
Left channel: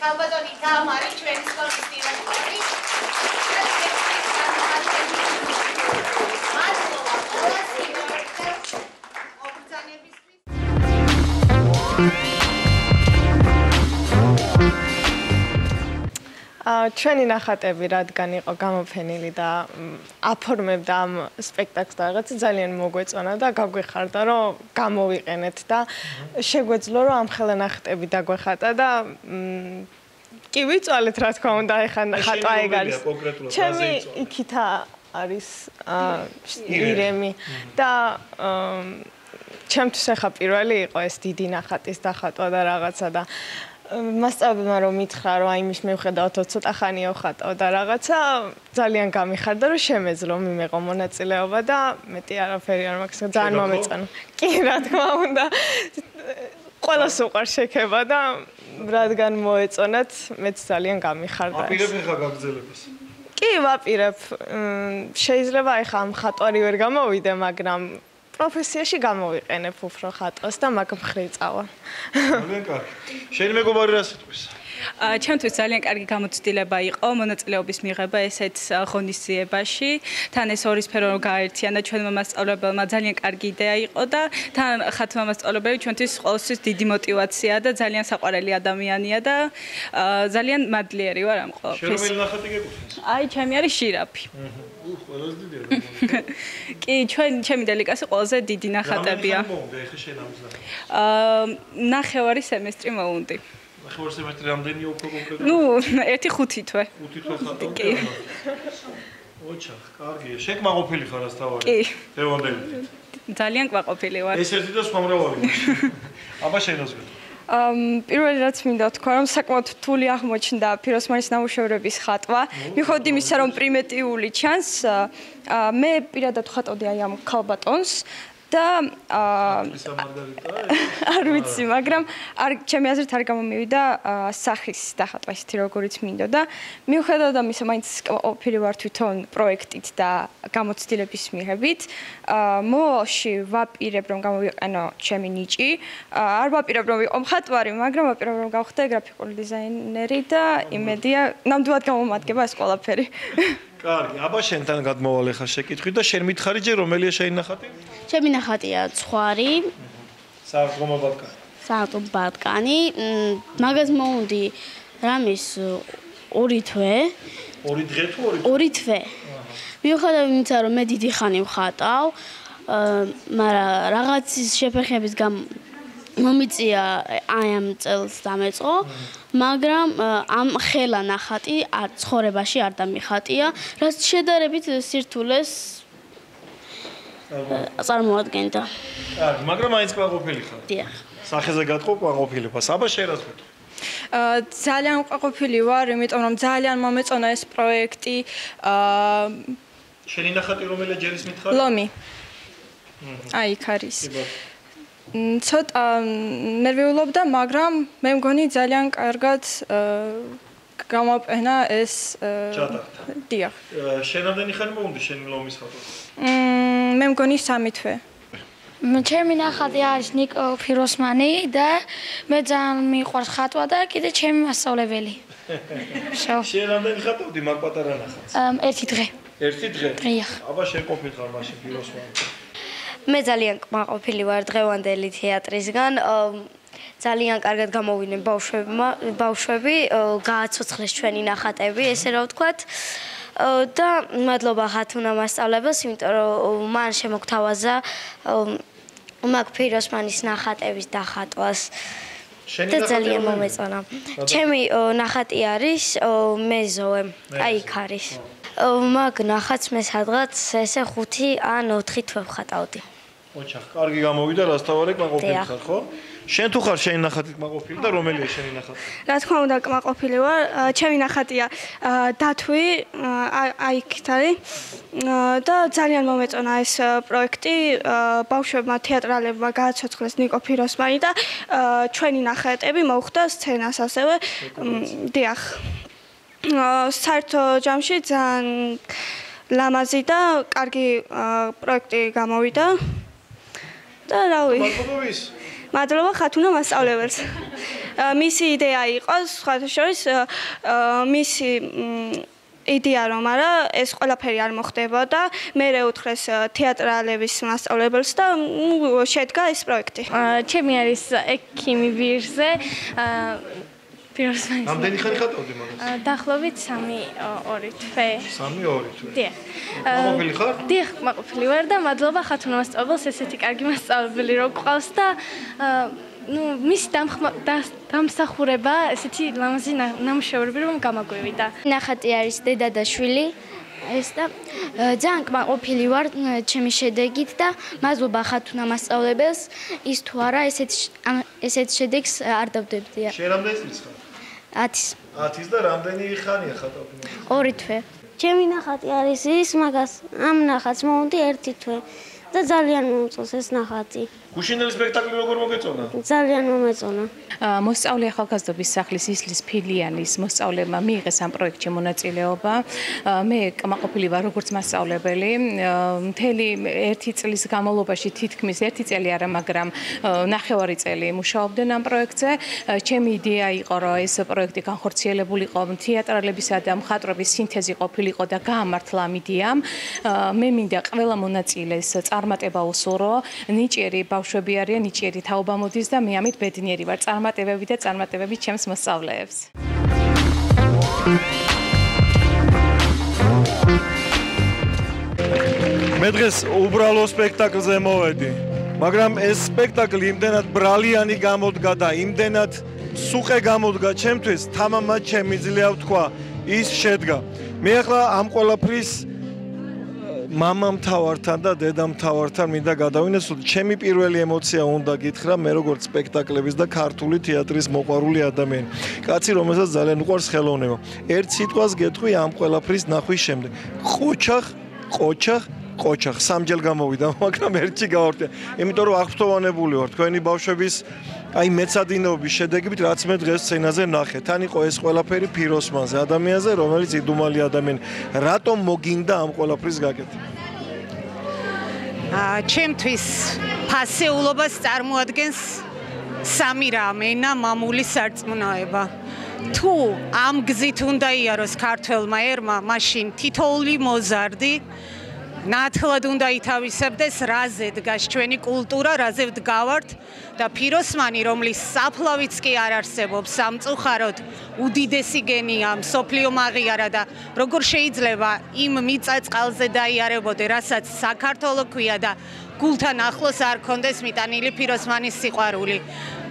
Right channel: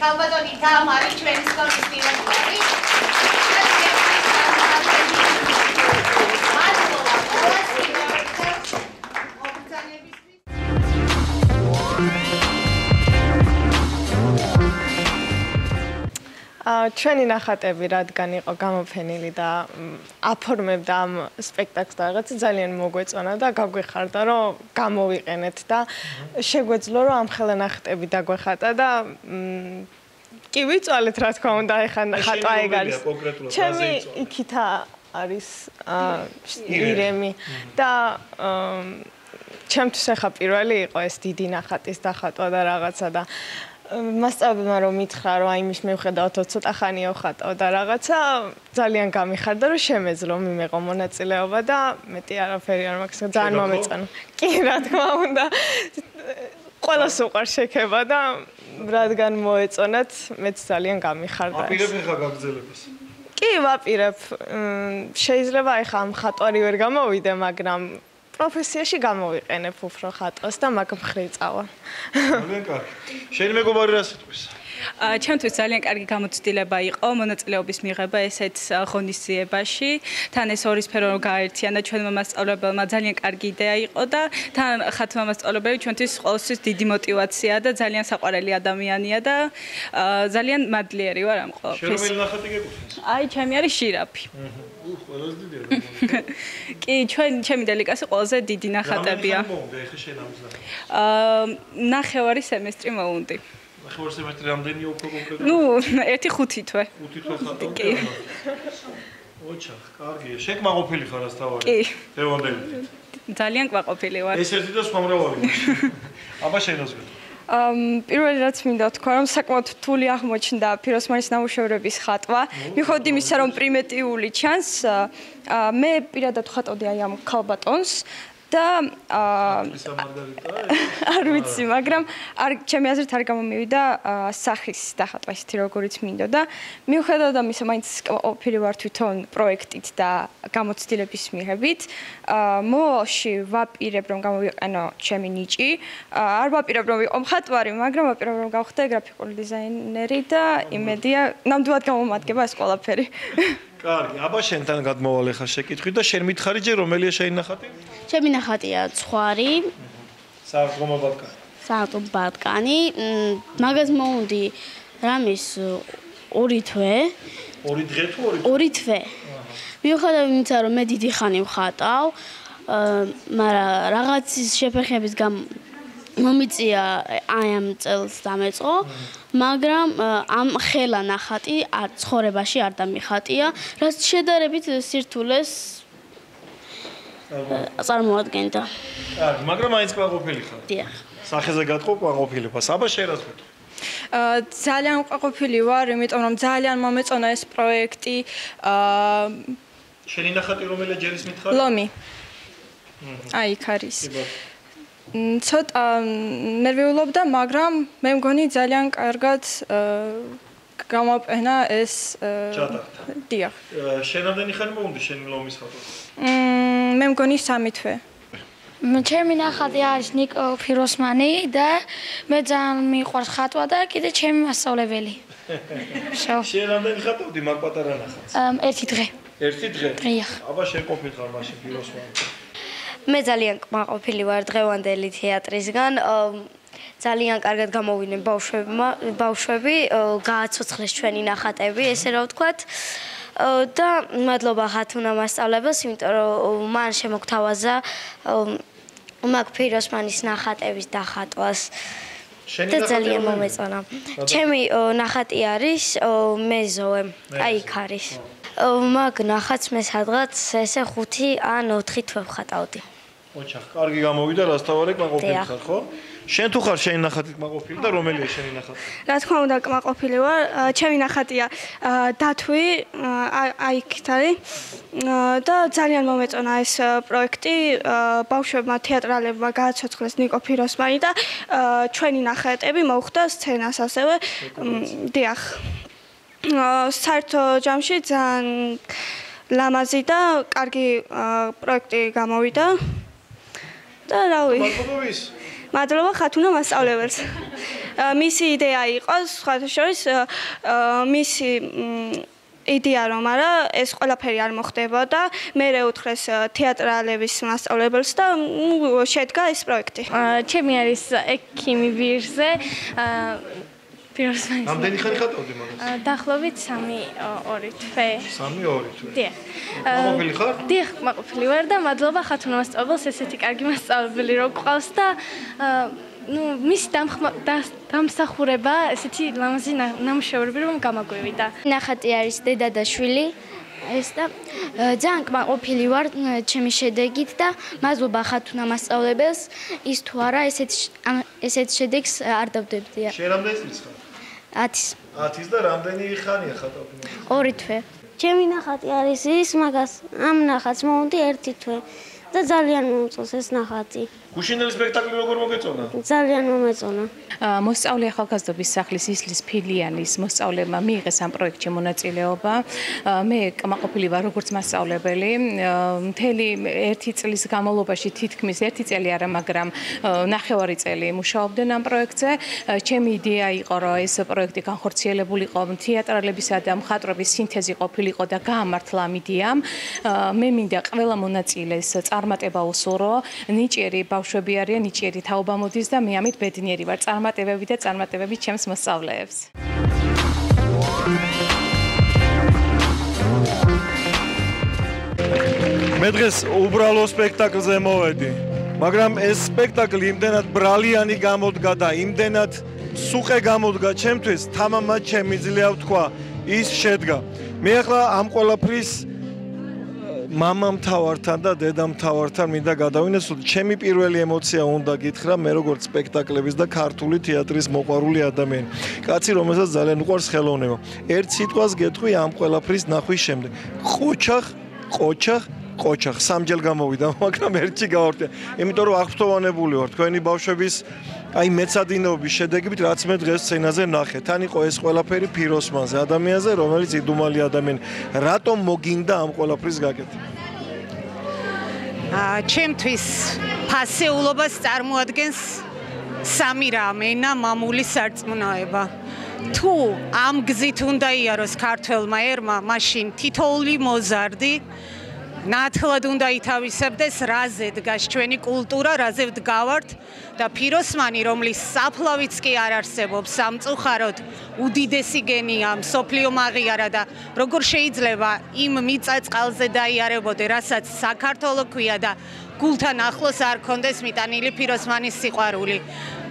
ქალბატონი თამარი ჩვენი სკოლის დირექტორი და ჩვენი წარმომადგენელი მადლობა ყველას მოგზაურობისთვის ჩვენი ნახატები რადგან იყო გამოფენილი და აფორმებდა ამ სპექტაკლს და რაღაცა ძალიან მოგვეწონა და გაგვეხარდა რომ გამოვიყენეთ და შეგვეძლო რომ ამ ხელა ნახატები დაგვეხატა და კი ვიწვალეთ რა თქმა უნდა ეხა ხატვა ეგ არის ჩემი იქით არის ირემი და ჩემთვის ეხა პირველი იყო ეს დიდი ნახატის დახატვა და რაღაცა და მასწავლებელმა რომ მითხრა რომ აი მის მივხედავთ ცოტა ხანია ხატავ და რაღაცა ძალიან გამიხარდა რომ შემეძლო მიმეყო მონაწილეობა და მეტი არაფერი არ მაქვს ძალიან მომეწონა კი რა თქმა უნდა ყველას უყვარს შექება და რადგან მოეწონათ მეც ძალიან გამიხარდა აპირებ ხა გაგრძელებას კი ვაპირებ შეიძლება ეხა ამ ხატვარი ვერ გამოვიდე მაგრამ პროფესიაში გამოვიყენებ უფრო ხატვას და მაგ მხრივ წავალ. ძალიან კარგი. შენი მეგობარი რა სიტყვის? ჩემთვის ძალიან კარგი გამოცდილება იყო მონაწილეობის მიღება ესეთ ღონისძიებაში. თან ეს ორი სფერო გააერთიანა და ჩვენმა მასწავლებელმა ძალიან კარგი იდეა იყო და თან ხატვა მასწავლებელი ჩვენთვის ყოველთვის დიდი мотиваციაა და ძალიან საყვარელი ადამიანია და ძალიან მადლიერი ვარ ამ ყოველთვის. შენ რომელი ნახატი გეკუთვნის? აი, ჩემი არის შირაფი. ყველაზე დიდია. კი, ჩემი დელიკასი ყველაზე დიდი ნახატებია. ნახევარი სემესტრი მოუნდი. ნახევარი სემესტრი რამდენია უფრო კონკრეტულად? ნუ, 1-5 თვე. 5 თვე ხატავ. კი. ოჩახ, კარგია. შეკმაყოფილი ხარ ასთავარი? კი. დევანდელი. ძალიან ყვაყოფილი ვარ. ეს ერთი და სხვა მრავალი. აბა შენას ვეთქვა. პირველი რაც მინდა თქვა რომ საკმაოდ რთული აღმოჩნდა ფიროსმანის ნამუშევრების ხატვა. მიუხედავად იმისა რომ პრიმიტიული ჩანს, მე პირადად ხატავდი აი ამ ქალბატონს და არ ვიცი, მაგრამ ჩემი აზრით არ გამომივიდა სახის დახატვა ისეთი როგორიც მინდოდა. მიუხედავად ამისა, მაინც ყოფილი ვარ თვითონ პროექტით და გამოცდილების მიღებით. მოვალში ვაპირებ რომ გამოვიყენო ჩემი ნიჭი. არ ვაპირებ რომ ვიყო მხატვარი, მაგრამ ვაპირებ რომ გავხდე გრაფიკული დიზაინერი და იმედია ნამდვილად გამომადგება ეს ყველაფერი. კარგი, აბა შენთან გადმოვალ ხა შეკითხვით და შენ მითხარი ჯერ რომელია შენი ნახატი? ჩემი ნახატია ცხვარი. საავტომობილო ბატკანი. საავტომობილო ბატკანი. მაგას მოუნდი რამის 2 თვე. 2 დღე თუ 2 თვე. მიუხედავად იმისა რომ მე დიდი ხანი ვხატავ, მაგრამ რაღაცის შეფერხების მომიწია აი ამ წელს დამეწყო, მაგრამ ამ ხელა ნახატი ცხოვრებაში არ დამიხატია, რაც შედარებით სირთულეს წარმოადგენდა. კარგი, მაგრამ აიც ყვაყოფილი ხარ. დიახ. სახეზე გატყო ყვაყოფილებას. აბა შენ რას ვეთქვა? ძალიან ყვაყოფილი ვარ, იმიტომ რომ ძალიან მომეწონა ეს პროექტი. შენი ნახატი რომელია ჯერის მითხარი? ლომი. აი, იქ არის. ცოტა ნერვიულობდა, მაგრამ მე მგონი ძალიან კარგად გამოვყენა ეს ჩატარდა. დიახ. შენ რამდენი ხანი მოუნდი შენი ლომის ხატვა? მე მგონი 3 თვე. ჩემი ნახატი არის ნიკო ფიროსმანი და მე ძალიან მიყვარს ხატვა და კიდე ჩემი მასწავლებელი. შენ რამდენი ხატავდი მაგ პატარა ნახატს? 1 დღე. 1 დღე? დიახ. აბა შენ ყოფილ ხარ მაშინ ფიროსმანი. მე ძალიან კმაყოფილი ვარ დღევანდელი თეატრისგან. ძალიან კარგად გამოვიდნენ ბავშვები, გააცოცხლეს ჩვენი ნახატები, ესე რა ვთქვათ. და მადლობა ხათუნა მასწავლებელს, იმიტომ რომ მან შემოგთავაზა მაგ ფიროსმანის ნახატების დახატვას. და ძალიან მომეწონა. ჩემი ნახატი არის მეზოე, აი იქ არის. მაგ ნახატს მე სადღაც ესე 5 ან 4 თვე ვხატავდი. ოჩახ, კარგი გამოვიდა, რასთავარი კმაყოფილი ხარ, ხო? შენ თუ ხარ შენი ნახატი კმაყოფილი და რომელია შენი ნახატი? რა თქმა უნდა, კმაყოფილი ვარ. ჩემი ნახატია დათვი, აი იქ არის. და ძალიან მომეწონა ეს პროექტი. ბავშვებმა თეატრალებმა გააცოცხლეს ნიკო ფიროსმანი და ჩვენი ნახატები მოხვდა სცენას ასევე. დიახ. საერთო ჯამში ძალიან ლამაზი და კარგი პროექტი გამოვიდა. და რავი. მადლობა ხათუნა მასწავლებელს. მისი იდეა იყო სხვათა შორის მისი იდეა რომ არა ეს ყველაფერი არ მოხდებოდა. მე უთხრეს თეატრალების მასწავლებელს და შედგა ეს პროექტი. ჩემი არის ექიმი ვირზე. ფიროსმანის. რამდენი ხანი ხატავდი მაგას? დაახლოებით 3-2 თვე. 3-2 თვე. დიახ. კმაყოფილი ხარ? დიახ, კმაყოფილი ვარ და მადლობა ხათუნა მასწავლებელს, ესეთი კარგი მასწავლებელი რო გყავს და მის დამსახურება ესეთი ლამაზი ნამუშევრები რომ გამაგვივიდა. ნახატი არის დედა და შვილი. ეს და ძალიან კმაყოფილი ვარ ჩემი შედეგით და მადლობა ხათუნა მასწავლებელს ის თუ არა ესეთ შედეგს არ დავდებდია. შენ რამდენი წლის ხარ? 10. 10 და რამდენი ხანია ხატავდი? 2 თვე. ჩემი ნახატი არის ის, მაგას ამ ნახატს მოვუდი 1 თვე და ძალიან მომწონს ეს ნახატი. გუშინელი სპექტაკლი როგორ მოგეწონა? ძალიან მომეწონა. მოსწავლე ახალგაზრდობის სახლის ისლის ფილიანის მოსწავლეებმა მიიღეს ამ პროექტში მონაწილეობა. მე კმაყოფილი ვარ როგორც მასწავლებელი. მთელი 1 წლის განმავლობაში თითქმის 1 წელი არა, მაგრამ 9 წელი მუშაობდნენ ამ პროექტზე. ჩემი იდეა იყო, რომ ეს პროექტი განხორციელებულიყო თეატრალებისა და მხატვრების სინთეზი ყოფილიყო და გაამართლა ამ იდეამ. მე მინდა ყველა მონაწილეს წარმატება უსურვო. ნიჭიერი ბავშვები არიან, ნიჭიერი თაობა მოდის და მე ამით ბედნიერი ვარ. წარმატებები და წარმატებები ჩემს მოსწავლეებს. მე დღეს უბრალო სპექტაკლზე მოვედი, მაგრამ ეს სპექტაკლი იმდენად ბრალიანი გამოდგა და იმდენად სუყე გამოდგა ჩემთვის, თამამად შემიძლია ვთქვა, ის შედგა. მე ახლა ამ ყველაფრის მამამთავართან და დედამთავართან მინდა გადავინესო, ჩემი პირველი ემოცია უნდა გითხრა, მე როგორც სპექტაკლების და ქართული თეატრის მოყვარული ადამიანი. კაცი, რომელსაც ძალიან უყვარს ხელოვნება. ერთ სიტყვას გეტყვი ამ ყველაფრის ნახვის შემდეგ. ყოჩახ, სამჯერ გამოვიდა, მაგრამ ერთში გავარდე. იმიტომ რომ აღფრთოვანებული ვარ თქვენი ბავშვების აი მეცადინეობის შედეგებით, რაც მე დღეს სცენაზე ნახე. თან იყო ეს ყველაფერი ფიროსმანზე, ადამიანზე, რომელიც იდუმალი ადამიანი. რატომ მოგინდა ამ ყველაფრის გაკეთება? ჩემთვის ფასეულობას წარმოადგენს სამი რამ: ენა, მამული, სარწმუნოება. თუ ამ გზით უნდა იაროს ქართველმა ერმა, მაშინ თითოეული მოზარდი ნათლად უნდა ითავისებდეს, რაზე დგას ჩვენი კულტურა, რაზე ვდგავართ და ფიროსმანი, რომლის საფლავიც კი არ არსებობს, სამწუხაროდ უდიდესი გენია, მსოფლიო აღიარა და როგორ შეიძლება იმ მიწა-წყალზე დაიარებოდე, რასაც საქართველო ქვია და გულთან ახლოს არ კონდეს მიტანილი ფიროსმანის სიყვარული.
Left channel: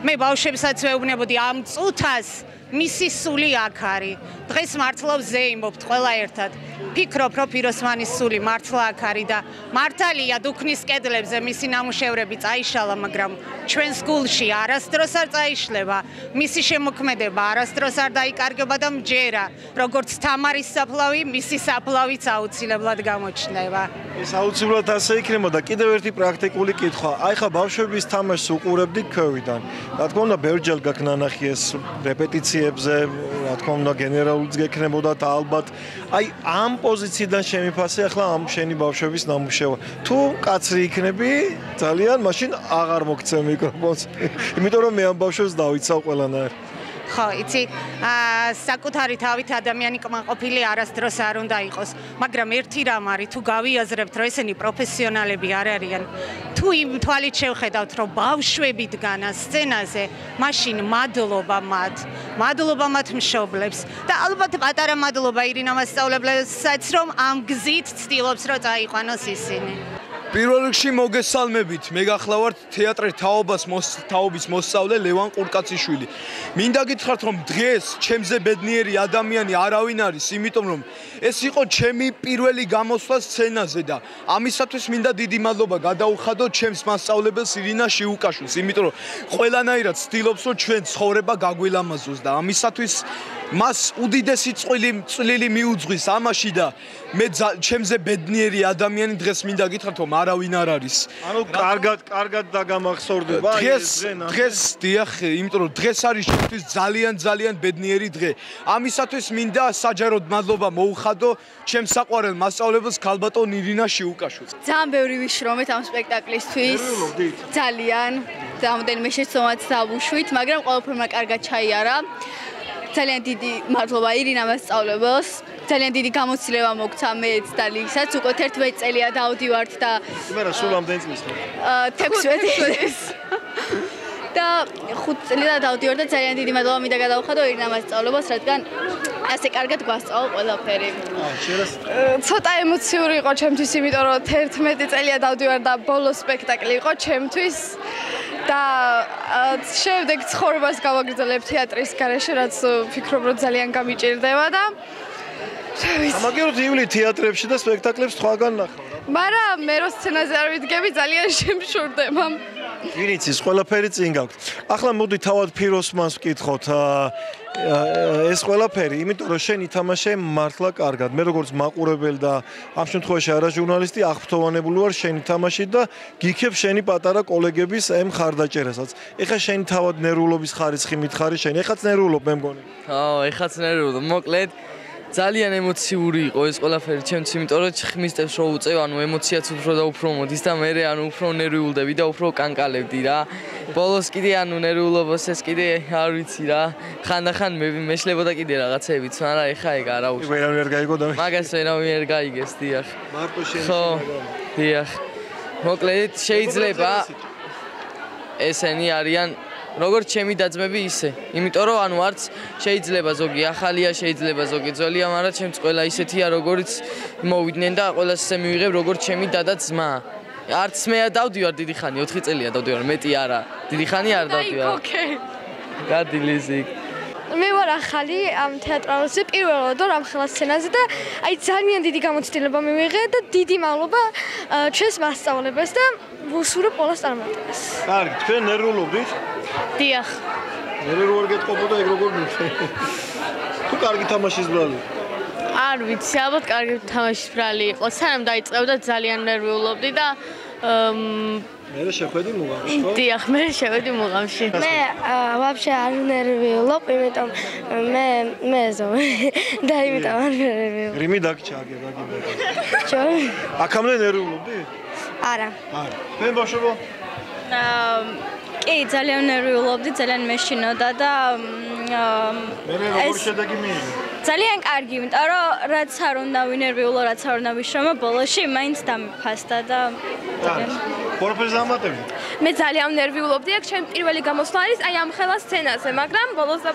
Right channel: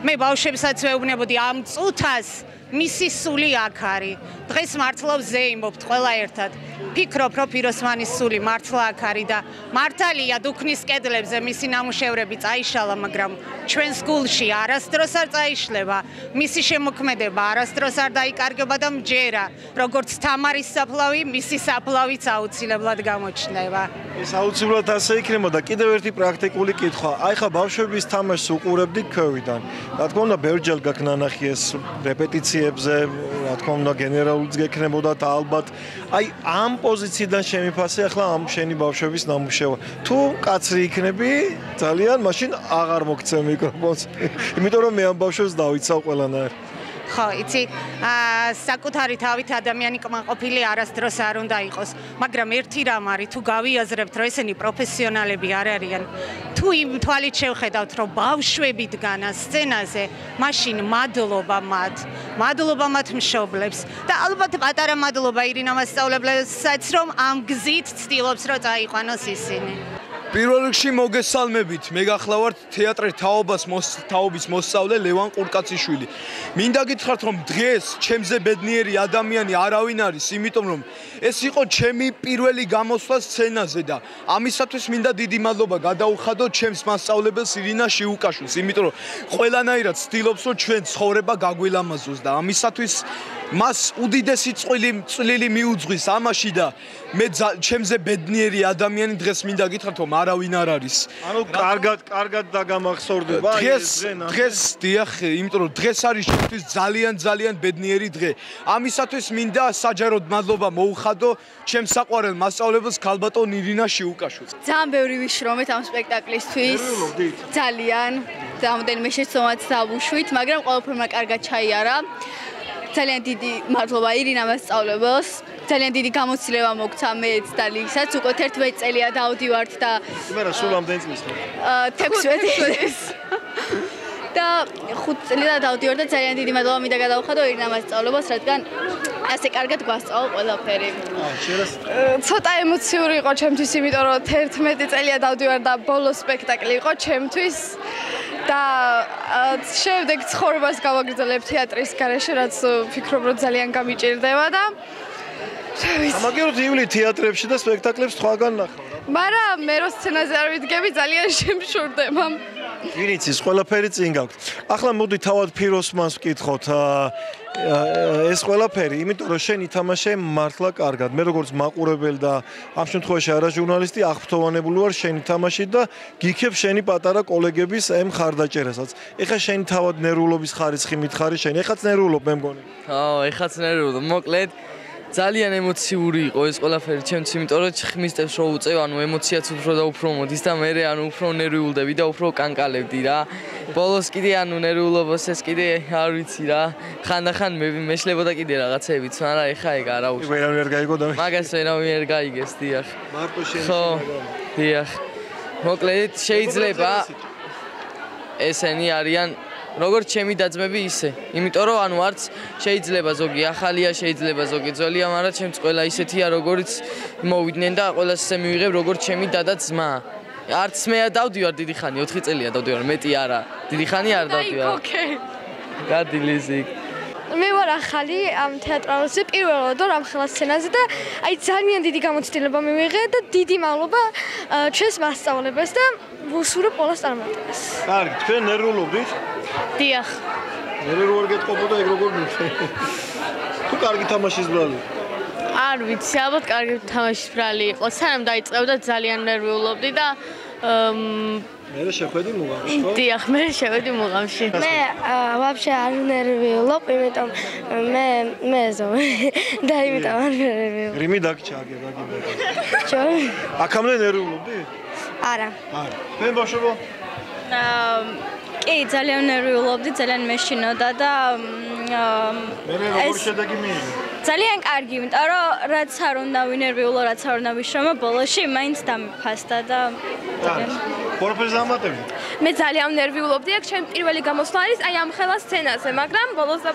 მე ბავშვებსაც ვეუბნებოდი ამ წუთას მისი სული აქ არის. დღეს მართლა ვზეიმობთ ყველა ერთად. ფიქრობ, რომ ფიროსმანის სული მართლა აქ არის და მართალია დუქნის კედლებზე მისი ნამუშევრები წაიშალა, მაგრამ ჩვენს გულში არასდროს არ წაიშლება. მისი შემოქმედება არასდროს არ დაიკარგება და მჯერა, როგორც თამარის საფლავი, მისი საფლავიც აუცილებლად გამოჩნდება. ეს აუცილებლად ასე იქნებოდა. კიდევ ერთი პრაქტიკული კითხვა. აი ხა ბავშვების თამაშს უყურებდი ქვევიდან. რა თქმა უნდა, ბევრჯერ გაქვს ნანახი ეს რეპეტიციებზე, რა თქმა უნდა, გენერალურიც გექნებოდა და ალბათ აი ამ პოზიციიდან შემიფასე ახლა ამ შენი ბავშვების ნამუშევრა. თუ კაცრი იქნები, ძალიან მაშინ აღარ მოგცემ მიკროფონს. იმიტომ რომ მე ამ ბავშვებს დავიცავ ყველანაირ. ხო, იცი, საკუთარი თავით ადამიანი კმაყოფილი არასდროს არ უნდა იყოს, მაგრამ ერთი რამ არის, თუ გავიაზრებთ, რომ ესენი პროფესიონალები არ არიან, თუ იმ თვალით შევხედავთ, რომ ბავშვები დგანან სცენაზე, მაშინ მადლობა მათ მშობლებს და ალბათ პატარა მადლობა ირინა მასწავლებელსაც, რომ ამ გზით ცდილობს, რომ წაიყვანოს ისინი. პირველ რიგში მოგესალმებით. მე გახლავართ თეატრის თაობის მოსწავლე ლევან ყურკაციშვილი. მინდა გითხრათ, რომ დღეს ჩემზე ბედნიერი ადამიანი არავინ არის, იმიტომ რომ ეს იყო ჩემი პირველი გამოსვლა სცენაზე და ამისათვის მინდა დიდი მადლობა გადაუხადო ჩემს მასწავლებელს ირინა შიუკაშვილს, იმიტომ რომ ყველანაირად ცდილობს, რომ ჩვენ ცხოვრება გაგვილამაზოს და ამისათვის მას უდიდესი წვლილი მიუძღვის ამაში და მე ჩემზე ბედნიერი ადამიანი დღეს მინდა გითხრათ, რომ არავინ არ არის. ანუ კარგად დაგამახსოვრდება დღეს დიახ, იმიტომ რომ დღეს არის ჩემთვის ძალიან ბედნიერი დღე. ამისათვის მინდა საჯაროდ მადლობა მოუხადო ჩემს საყვარელ მასწავლებელს ქალბატონ ირინა შიუკაშვილს. ძალიან ბევრი ვიშრომეთ ამ სპექტაკლისთვის. ძალიან რამოდენიმე შეცდომაც დავუშვით, მაგრამ ყველაფერმა კარგად ჩაიარა. ძალიან დიდი მადლობა ირინა მასწავლებელს. ძალიან დიდი გამოცდილება მოგცა მეც და ლიგსაც. უკვე 11 წელია დავდივართ და მე რა სულ ამდენი წლის ხო? 16 და 5 წელია დავდივართ და ძალიან დიდი მადლობა მინდა გადავხადო ირინა მასწავლებელს, რადგან ასე კარგად გვასწავლა ყველაფერი. ცოტა ემოციური იყო ჩემთვის, იმიტომ რომ 11 წელია დავდივარ და ბოლო სპექტაკლი იყო ჩემთვის. და შემდეგ ცხოვრებას გავაგრძელებ თეატრის გარეშე, რაც ვფიქრობ, რომ ძალიან გამიჭირდება და ამაგეროთ ივლი თეატრებში და სპექტაკლებს სხვაგან ნახავ რა. მაგრამ მე რო სცენაზე არ ვიდგები, ძალიან შემშურდება. ვინ იცის, ყველაფერი წინ გაქვთ. ახლა მოდი თავად ფიროსმანს ვკითხოთ. ეს ყველაფერი, იმიტომ რომ შენ ითამაშე მართლა კარგად. მე როგორც მაყურებელი და ამ შემთხვევაში არა ჟურნალისტი, აღფრთოვანებული ვარ შენი თამაშით და გიქებ შენი პატარა კოლეგების ამ ხარდაჭერასაც. ეხლა შენი თავად ნერვულობის ხარისხი მითხარი შენ. ეხაც ნერვულობ მე მგონი. ეხაც ნერვულობ. მოკლედ ძალიან ემოციური იყო ეს ყველაფერი ჩემთვის, იმიტომ რომ ხმისტებს რო უწევ, ანუ ემოციაც უფრო და უფრო მოდის და მე უფრო ნერვიულდები და უფრო კანკალებდი რა. ბოლოს კიდე ანუ ნერვიულობას ეს კიდე არ ვიცი რა. ხანდახან მეშლებოდა კიდე რაღაცებიც, მაგრამ ეხა ეგ არა უშ. ვერავინ არ გაიგო და მაგას ვერავინ არ გაიგეს, დიახ. მარტო შენ ხო, დიახ. მოკლედ შეიძლება ესენი არიან როგორც ჩემი დაძმები ისე. იმიტომ რომ ანუ არც შეიძლება ზოგი ახალია, შეიძლება ზოგი ძველია, მაგრამ ჩემს ყველა ისეთია, როგორც მოვიდნენ და ყველას ისე მივიღებ, როგორც ჩემი დადა ძმა. არც მე დავდივარ დიდი ხანი, 4 წელია დავდივარ, მეტი არა. დიდი ხანი არ დავდივარ. გადი ლიზიკ. მე ვარ ახალი ამ თეატრალზე პირველად ვარ ამ ხელა სცენაზე და აი ძალიან დიდი გამოცდილება მივიღე და დიდი მადლობა ჩვენს მასწავლებელს და ვუსურვებ ყველას წარმატებას. კარგი, თქვენ ნერვულობდით? დიახ. ნერვი არ გეტყობოდა ეგ როგორ მიხე? თუ კარგი თამაშის ბრალი? არ ვიცი, ალბათ კარგი თამაშის ბრალი იყო. სანამ დაიწყებდა ძალიან ნერვიულობდი და მე შეხვედი მუღამში, ხო? დიახ, მე შევედი მუღამში. მე ვაფშე არ ნერვიულობ, იმიტომ მე ზომე და იმიტომ არ ნერვიულობ. რიმი დაგჭაგე, გაგიმე. ჩო? აქამდე ნერვიულობდი? არა. არა. მე ბავშვობა? კი, ძალიან ნერვიულობდი, ძალიან მეშინოდა და მე როგორ შედეგი მიიღე? ძალიან კარგი, იმიტომ რომ რაც არ უნდა ვინერვიულო, რაც არ უნდა ვიშრომო, ბოლოში მაინც დამიფასდა და ყველაფერს დამატებდი. მე ძალიან ნერვიულობდი, აქ ჩემი პირველი გამოსვლა არის აი ამ ხელა სცენაზე, მაგრამ ბოლოს და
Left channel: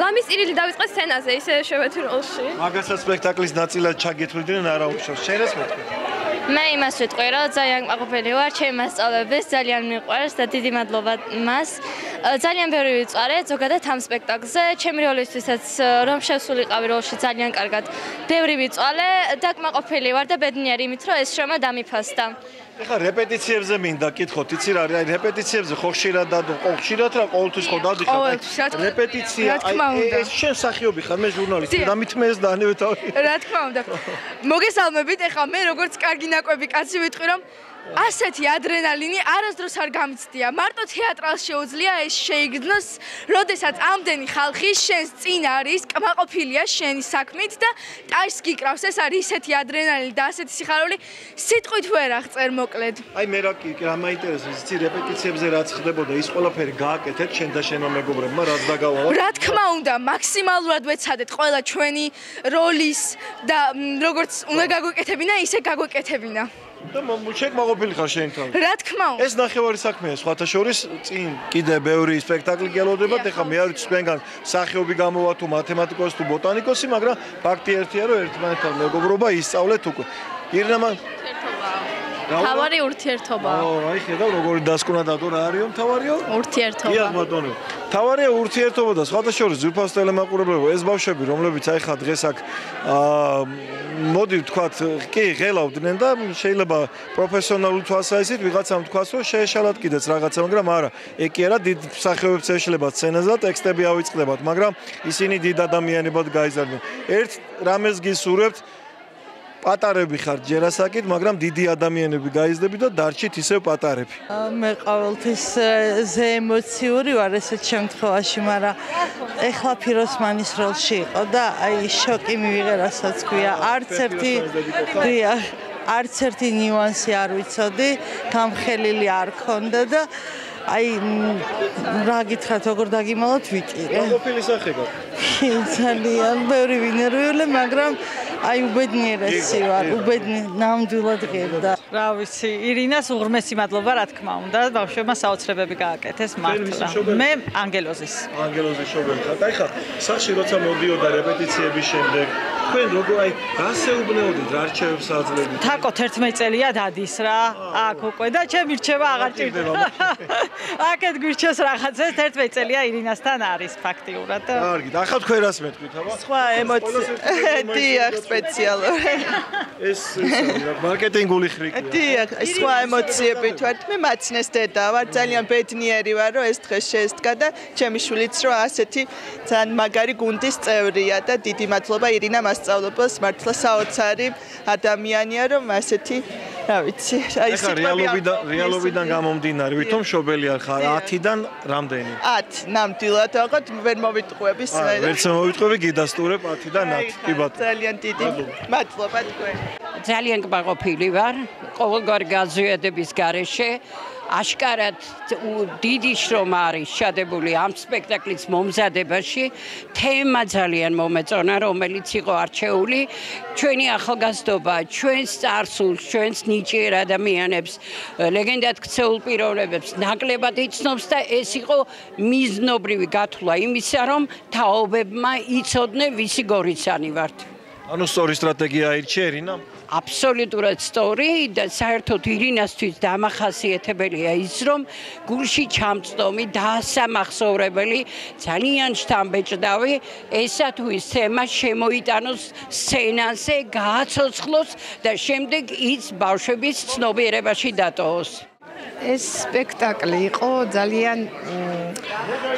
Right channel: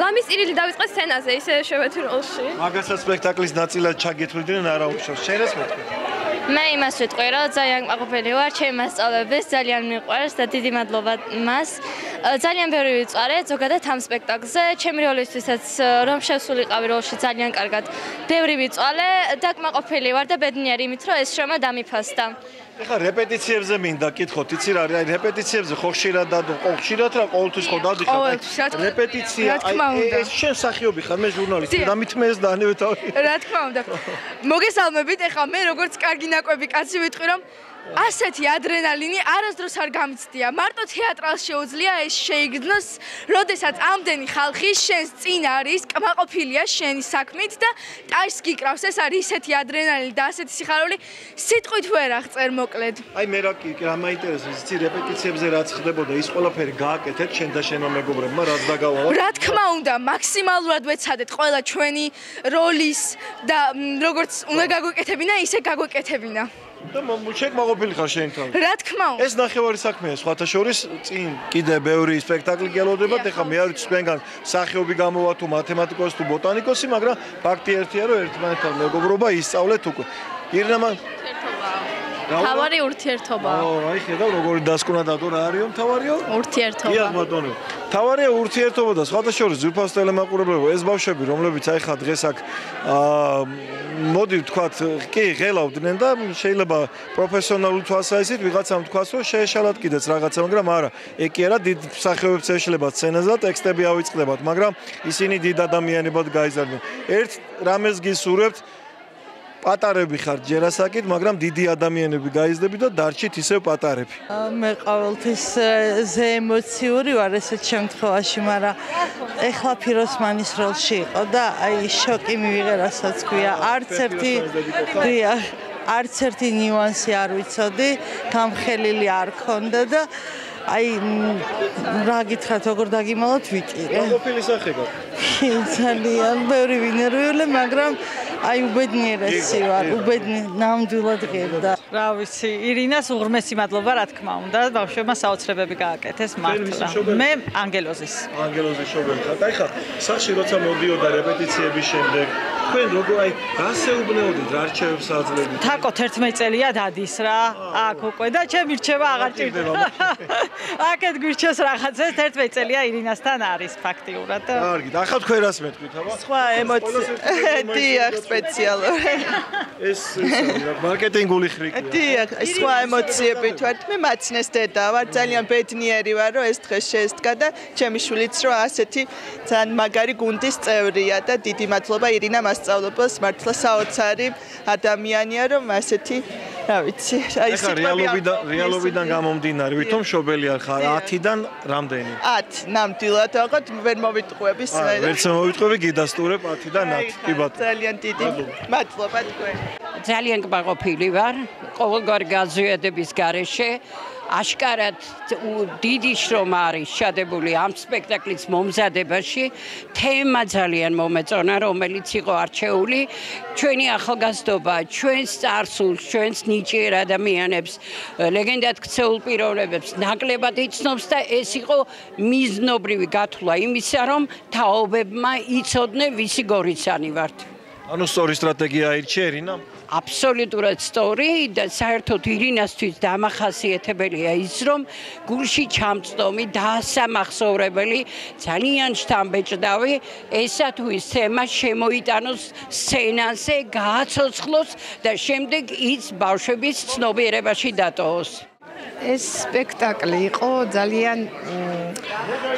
ლამის ირილი დავიწყე სცენაზე, ისე შევედი როლში. მაგასაც სპექტაკლის ნაწილად ჩაგეთვლიდნენ არა უშავს. შენ ეს მეთქე? მე იმას ვიტყვი, რომ ძალიან კმაყოფილი ვარ, ჩემი მასწავლებელს ძალიან მიყვარს და დიდი მადლობა მას. ძალიან ბევრი ვიწარე, ზოგადად ამ სპექტაკლზე, ჩემი როლისთვისაც რომ შევსულიყავი როლში ძალიან კარგად. ბევრი ვიწვალე და კმაყოფილი ვარ და ბედნიერი იმით, რომ ეს შრომა დამიფასდა. ეხლა რეპეტიციებზე მინდა კითხოთ, იცი რა არის, აი რეპეტიციებზე ხო ხშირად და ხშირად რა ყოველთვის ხო დადიხარ. რეპეტიცია, აი ეს შენ მსახიობი ხარ, მე ჟურნალისტი, რამით მე ეს დაანებე თავი. რა თქმა უნდა. მოგესალმებით, ეხლა მე როგორც კარგი ნაკვები კაცი ვიტყვი, რომ ასეთი ადრენალინი არასდროს არ გამიცდია. მარტო თეატრალს შეუძლია ეს შეიგრძნოს, როდესაც ამდენი ხალხი შენს წინ არის, კმაყოფილია შენი საქმით და ტაის გიკრავს. ეს არის ისეთი ადრენალინი და ასეთი სიხარული, სიტყვით ვერ აღწერ მოკლედ. აი მე რა მაინტერესებს, იცი რეპეტიციებზე რაც ხდებოდა, ის ყველაფერი გააკეთეთ შენ და შენმა მეგობრებმა, რაც დაგავალავთ? რა თქმა უნდა, მაქსიმალურად ვეცადეთ ყველა ჩვენი როლის და როგორც უნდა გაგვეკეთებინა, ისე გაგვეკეთებინა. და შეგმაყოფილი ხარ შენ თავი. რა თქმა უნდა. ეს ნახევარი საქმეა, სხვათა შორის წინ კიდე ბევრი სპექტაკლი გელოდებათ, ეხლა მე არ ვიცი თქვენგან სახეობი გამოვა თუ მათემატიკოსი თუ ბოტანიკოსი, მაგრამ ფაქტი ერთია, რომ ერთმანეთთან მეგობრობა ისწავლეთ უკვე. ირინა თავარი ურთიერთობაა. აი ხედავ როგორი დასკვნა დადო რა არისო თავარიო? ურთიერთობა. დიახ ბატონო. თავარია ურთიერთობა და სხვათა შორის ძვირფას ტელემაყურებლებო ეს ბავშვები რომლებიც აი ხა დღეს აქ მოდი ვთქვათ კი ღელავდნენ და შეიძლება პროფესიონალური თვალსაზრისით ვიღაცამ თქვას რომ შეეშალათ კიდეც რაღაცა მაგრამ არა ეგ კი არა დიდ მსახიობებს ეშლებათ სცენაზე და ტექსტები ავიწყდებათ მაგრამ ისინი დიდ ადამიანებად გაიზარდნენ ერთ რამეს გისურვებთ პატარები ხართ ჯერასაკით, მაგრამ დიდი ადამიანები გაიზრდები და დარჩით ისევ პატარები. მე ყოველთვის ზე ემოციური ვარ ესეთ შემთხვევაში, მაგრამ ეხლა ფიროსმანის როლში იყო და აი შოკი მივიღე, რასაც ქვია. არც ერთი ნიუანსი არ ვიცოდი, გამხელილი არ ქონდა და აი რა გითხრათ, როგორ დაგიმალოთ ვიტირე. ყოფილი სახე გაქვს. ძალიან ბევრი ვინერვიულე, მაგრამ აი უბედნიერესი ვარ, ნამდვილად ღირდა. რა ვიცი, ირინას უღრმესი მადლობა, რა თქმა უნდა, ბავშვებმა საოცრებები გააკეთეს მართლა. მე ანგელოზის. ანგელოზის შობელი ხარ. აი ხა, სახში როცა მოდიოდა რეპეტიციების შემდეგ, თქვენ როგორ აი გასეუბნეოდით რა რჩევებს აძლევდით? თაკო 11 წელია დადის რა. აქ უკვე და ჩემი რჩევა აღარ ჭირდება. აქეთ გვირჩეს რაღაცა 11 წელია ირინასთან არის ფაქტიურად. კარგი, ახლა თქვენ რას მეტყვით, აბა? სხვა ემოცია. დიახ, სპეციალური. ეს მარკეტინგული ხრიკია. დიახ, სხვა ემოციებით ვარ. მე მაცნეს დედა ვარ, ძალიან ბედნიერი ვარ, რომ ეს დღეს შეესდგა და ჩემი შვილიც რომ ასეთი ძალიან მაგარი გუნდის წევრია და დიდი მადლობა ირინა მასწავლებლებს, მართლა საოცარი ადამიანია, რომ ასეთი რა ვიცი, აი რეალობიდან გამომდინარე, ვითომ შობელი არ ხარ 10-დან რამდენი? 10, ნამდვილად, აღარ ვერ მოვიტყუები. ვერც მოვიტყუები, გიდასტურებ 10-დან 10. კი ბატონო. ძალიან დიდი მადლობა თქვენ. ძალიან კმაყოფილი ვარ ყოველგვარი გაზიადების გარეშე. აშკარად დიდი შრომა არის შადებული ამ სპექტაკლის მომზადებაში. თემა ძალიან მომეწონა, რომელიც იყო არჩეული. ჩვენი ახალგაზრდობა, ჩვენს წარსულს, ჩვენს ნიჭიერ ადამიანებს, ლეგენდად ქცეულ პიროვნებებს ნაკლებად იცნობს და ეს იყო მიზნობრივი გათვლა იმისა, რომ თაობებმა იცოდნენ ვისი გორიცანი ვართ. ანუ სწორი სტრატეგია აირჩია ირინა? აბსოლუტურად სწორი და საერთოდ ირინასთვის დამახასიათებელია ის, რომ გულში ჩამწდომი და ასამახსოვრებელი, ძალიან შთამბეჭდავი ესა თუ ის თემა შემოიტანოს სცენაზე, გააცოცხლოს და შემდეგ ის ბავშვების ცნობიერებაში დატოვოს. ეს სპექტაკლი იყო ძალიან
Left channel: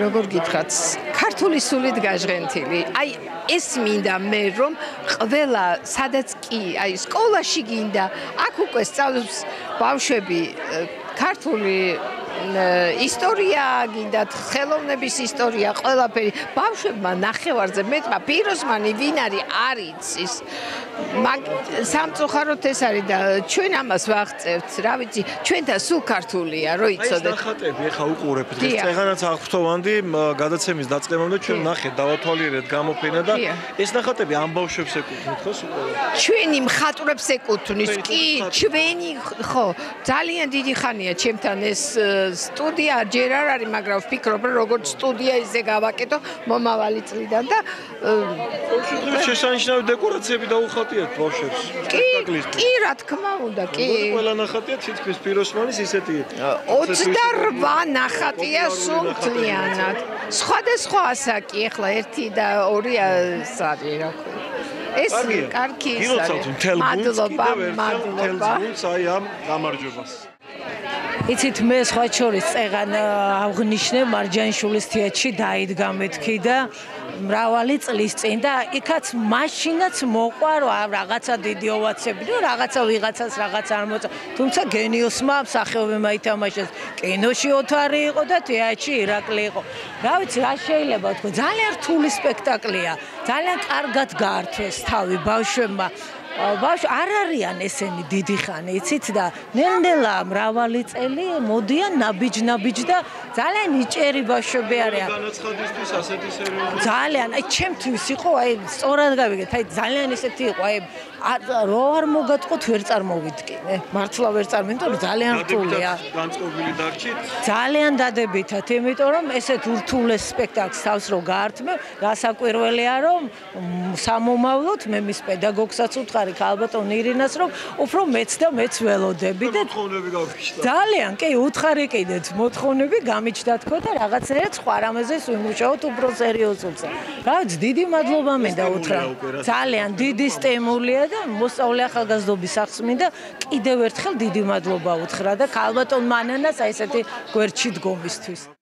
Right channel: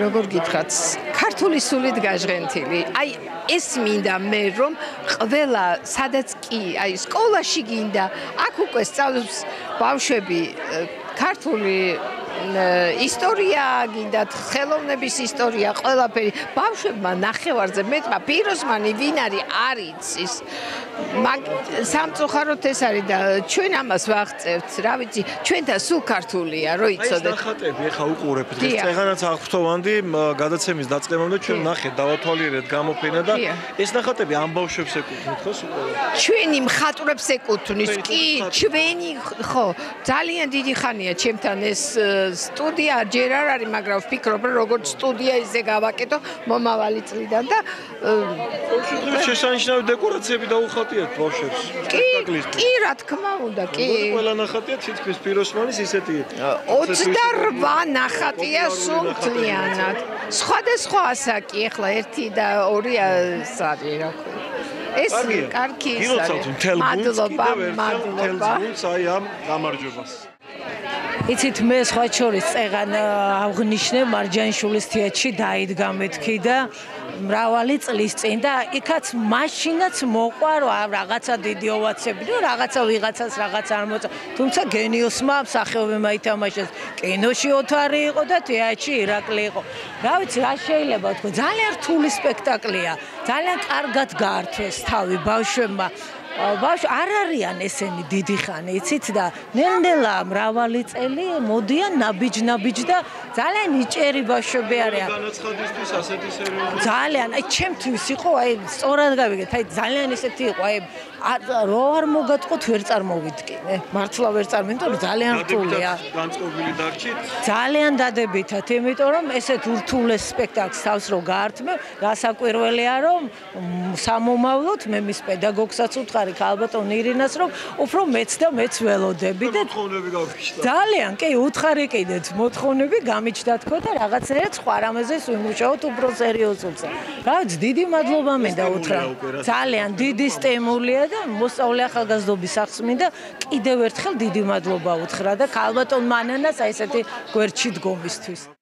როგორ გითხრათ, ქართული სულით გაჟღენთილი. აი ეს მინდა მე რომ ყველა სადაც კი, აი სკოლაში გინდა, აქ უკვე სწავლობს ბავშვები ქართული ისტორია, გინდათ ხელოვნების ისტორია, ყველაფერი. ბავშვებმა ნახევარზე მეტმა ფიროსმანი ვინ არის არ იცის. სამწუხაროდ ეს არის და ჩვენ ამას ვაღწევთ, რა ვიცი, ჩვენთან სულ ქართულია, რო იცოდეთ. ეს ნახატები ეხა უყურებთ, ეს წეღანაც აღფრთოვანდი გადაცემის დაწყებამდე ჩვენ ნახეთ, დავათვალიერეთ გამოფენა და ეს ნახატები ამ ბავშვებს ეკუთვნით ხო სულ? ჩვენი მხატვრებს ეკუთვნის, კი, ჩვენი ხო, ძალიან დიდი ხანია ჩემთან ეს სტუდია ჯერ არ არის, მაგრამ ვფიქრობ, რომ როგორც სტუდია ისე გავაკეთო მომავალი წლიდან და შესანიშნავი დეკორაციები დაუხატიათ ბავშვებს. კი, რა თქმა უნდა, კი. ყველა ნახატია თითქმის ფიროსმანის ისეთი 28 ნახატია სულ მთლიანად. სხვადასხვა ასაკი, ახლა 1 და 2 ასაკი რა ქვია. ეს კარგი ის არის. მადლობა, მადლობა. აი ამ გამარჯვებას. იცით მე სხვა შორის წეღან აღნიშნე მარჯანიშვილის თეატრში დაიდგა მეთქი და მრავალი წლის წინ და იქაც მაშინაც მოყვა რომ რაღაცა დიდი ოვაციები და რაღაცა ვიღაცას რაღაც არ მოწა. თუმცა გენიოსმა მსახიობებმა ითამაშეს. კინოში ოთარი იყო და თეატრში ირაკლი იყო. რა ვიცი, რა შეიძლება ვთქვა, ძალიან რთული სპექტაკლია. ძალიან კარგად გაართვეს თავი ბავშვებმა. ბავშვი არ არიან ესენი დიდი ხანი, იცით და ნელ-ნელა მრავალი წელი მოდიან ნაბიჯ და ძალიან იჭერი ბავშვები არიან. განაცხადისთვის ასეთი სერიოზული. ძალიან, აი ჩემთვის იყო, აი სწორად გავიგეთ, აი ძალიან ესეთი იყო, აი რო არ მოგატყოთ ვერ წარმოვიდგინე. მართლა ვერ წარმოვიდგინე, რომ ძალიან რთულია. განწყობილი დარჩით? ძალიან დადებითად, იმიტომ რომ ესეთ ურთულეს სპექტაკლს თავს რო გაართმევ, გასაკვირველია რომ სამომავლოდ მე მის პედაგოგსაც უთხარი ალბათონ ირინას რომ უფრო მეც და მეც ველოდები და მოთხოვნები გავიშთა. ძალიან, კი, უთხარი კიდეც მოთხოვნები გამიჩნდა თქო და რაღაცნაირად სხვა რამეზე ვიმუშაოთ უფრო სერიოზულზე. რა ვიცი, დიდი მადლობა მინდა უთხრა. ძალიან დიდი სტიმულია და მოსწავლე ახალგაზრდობის სახს მინდა კიდევ ერთხელ დიდი მადლობა უთხრა და ალბათონ მანანას აი ესეთი გვერდში დგომისთვის.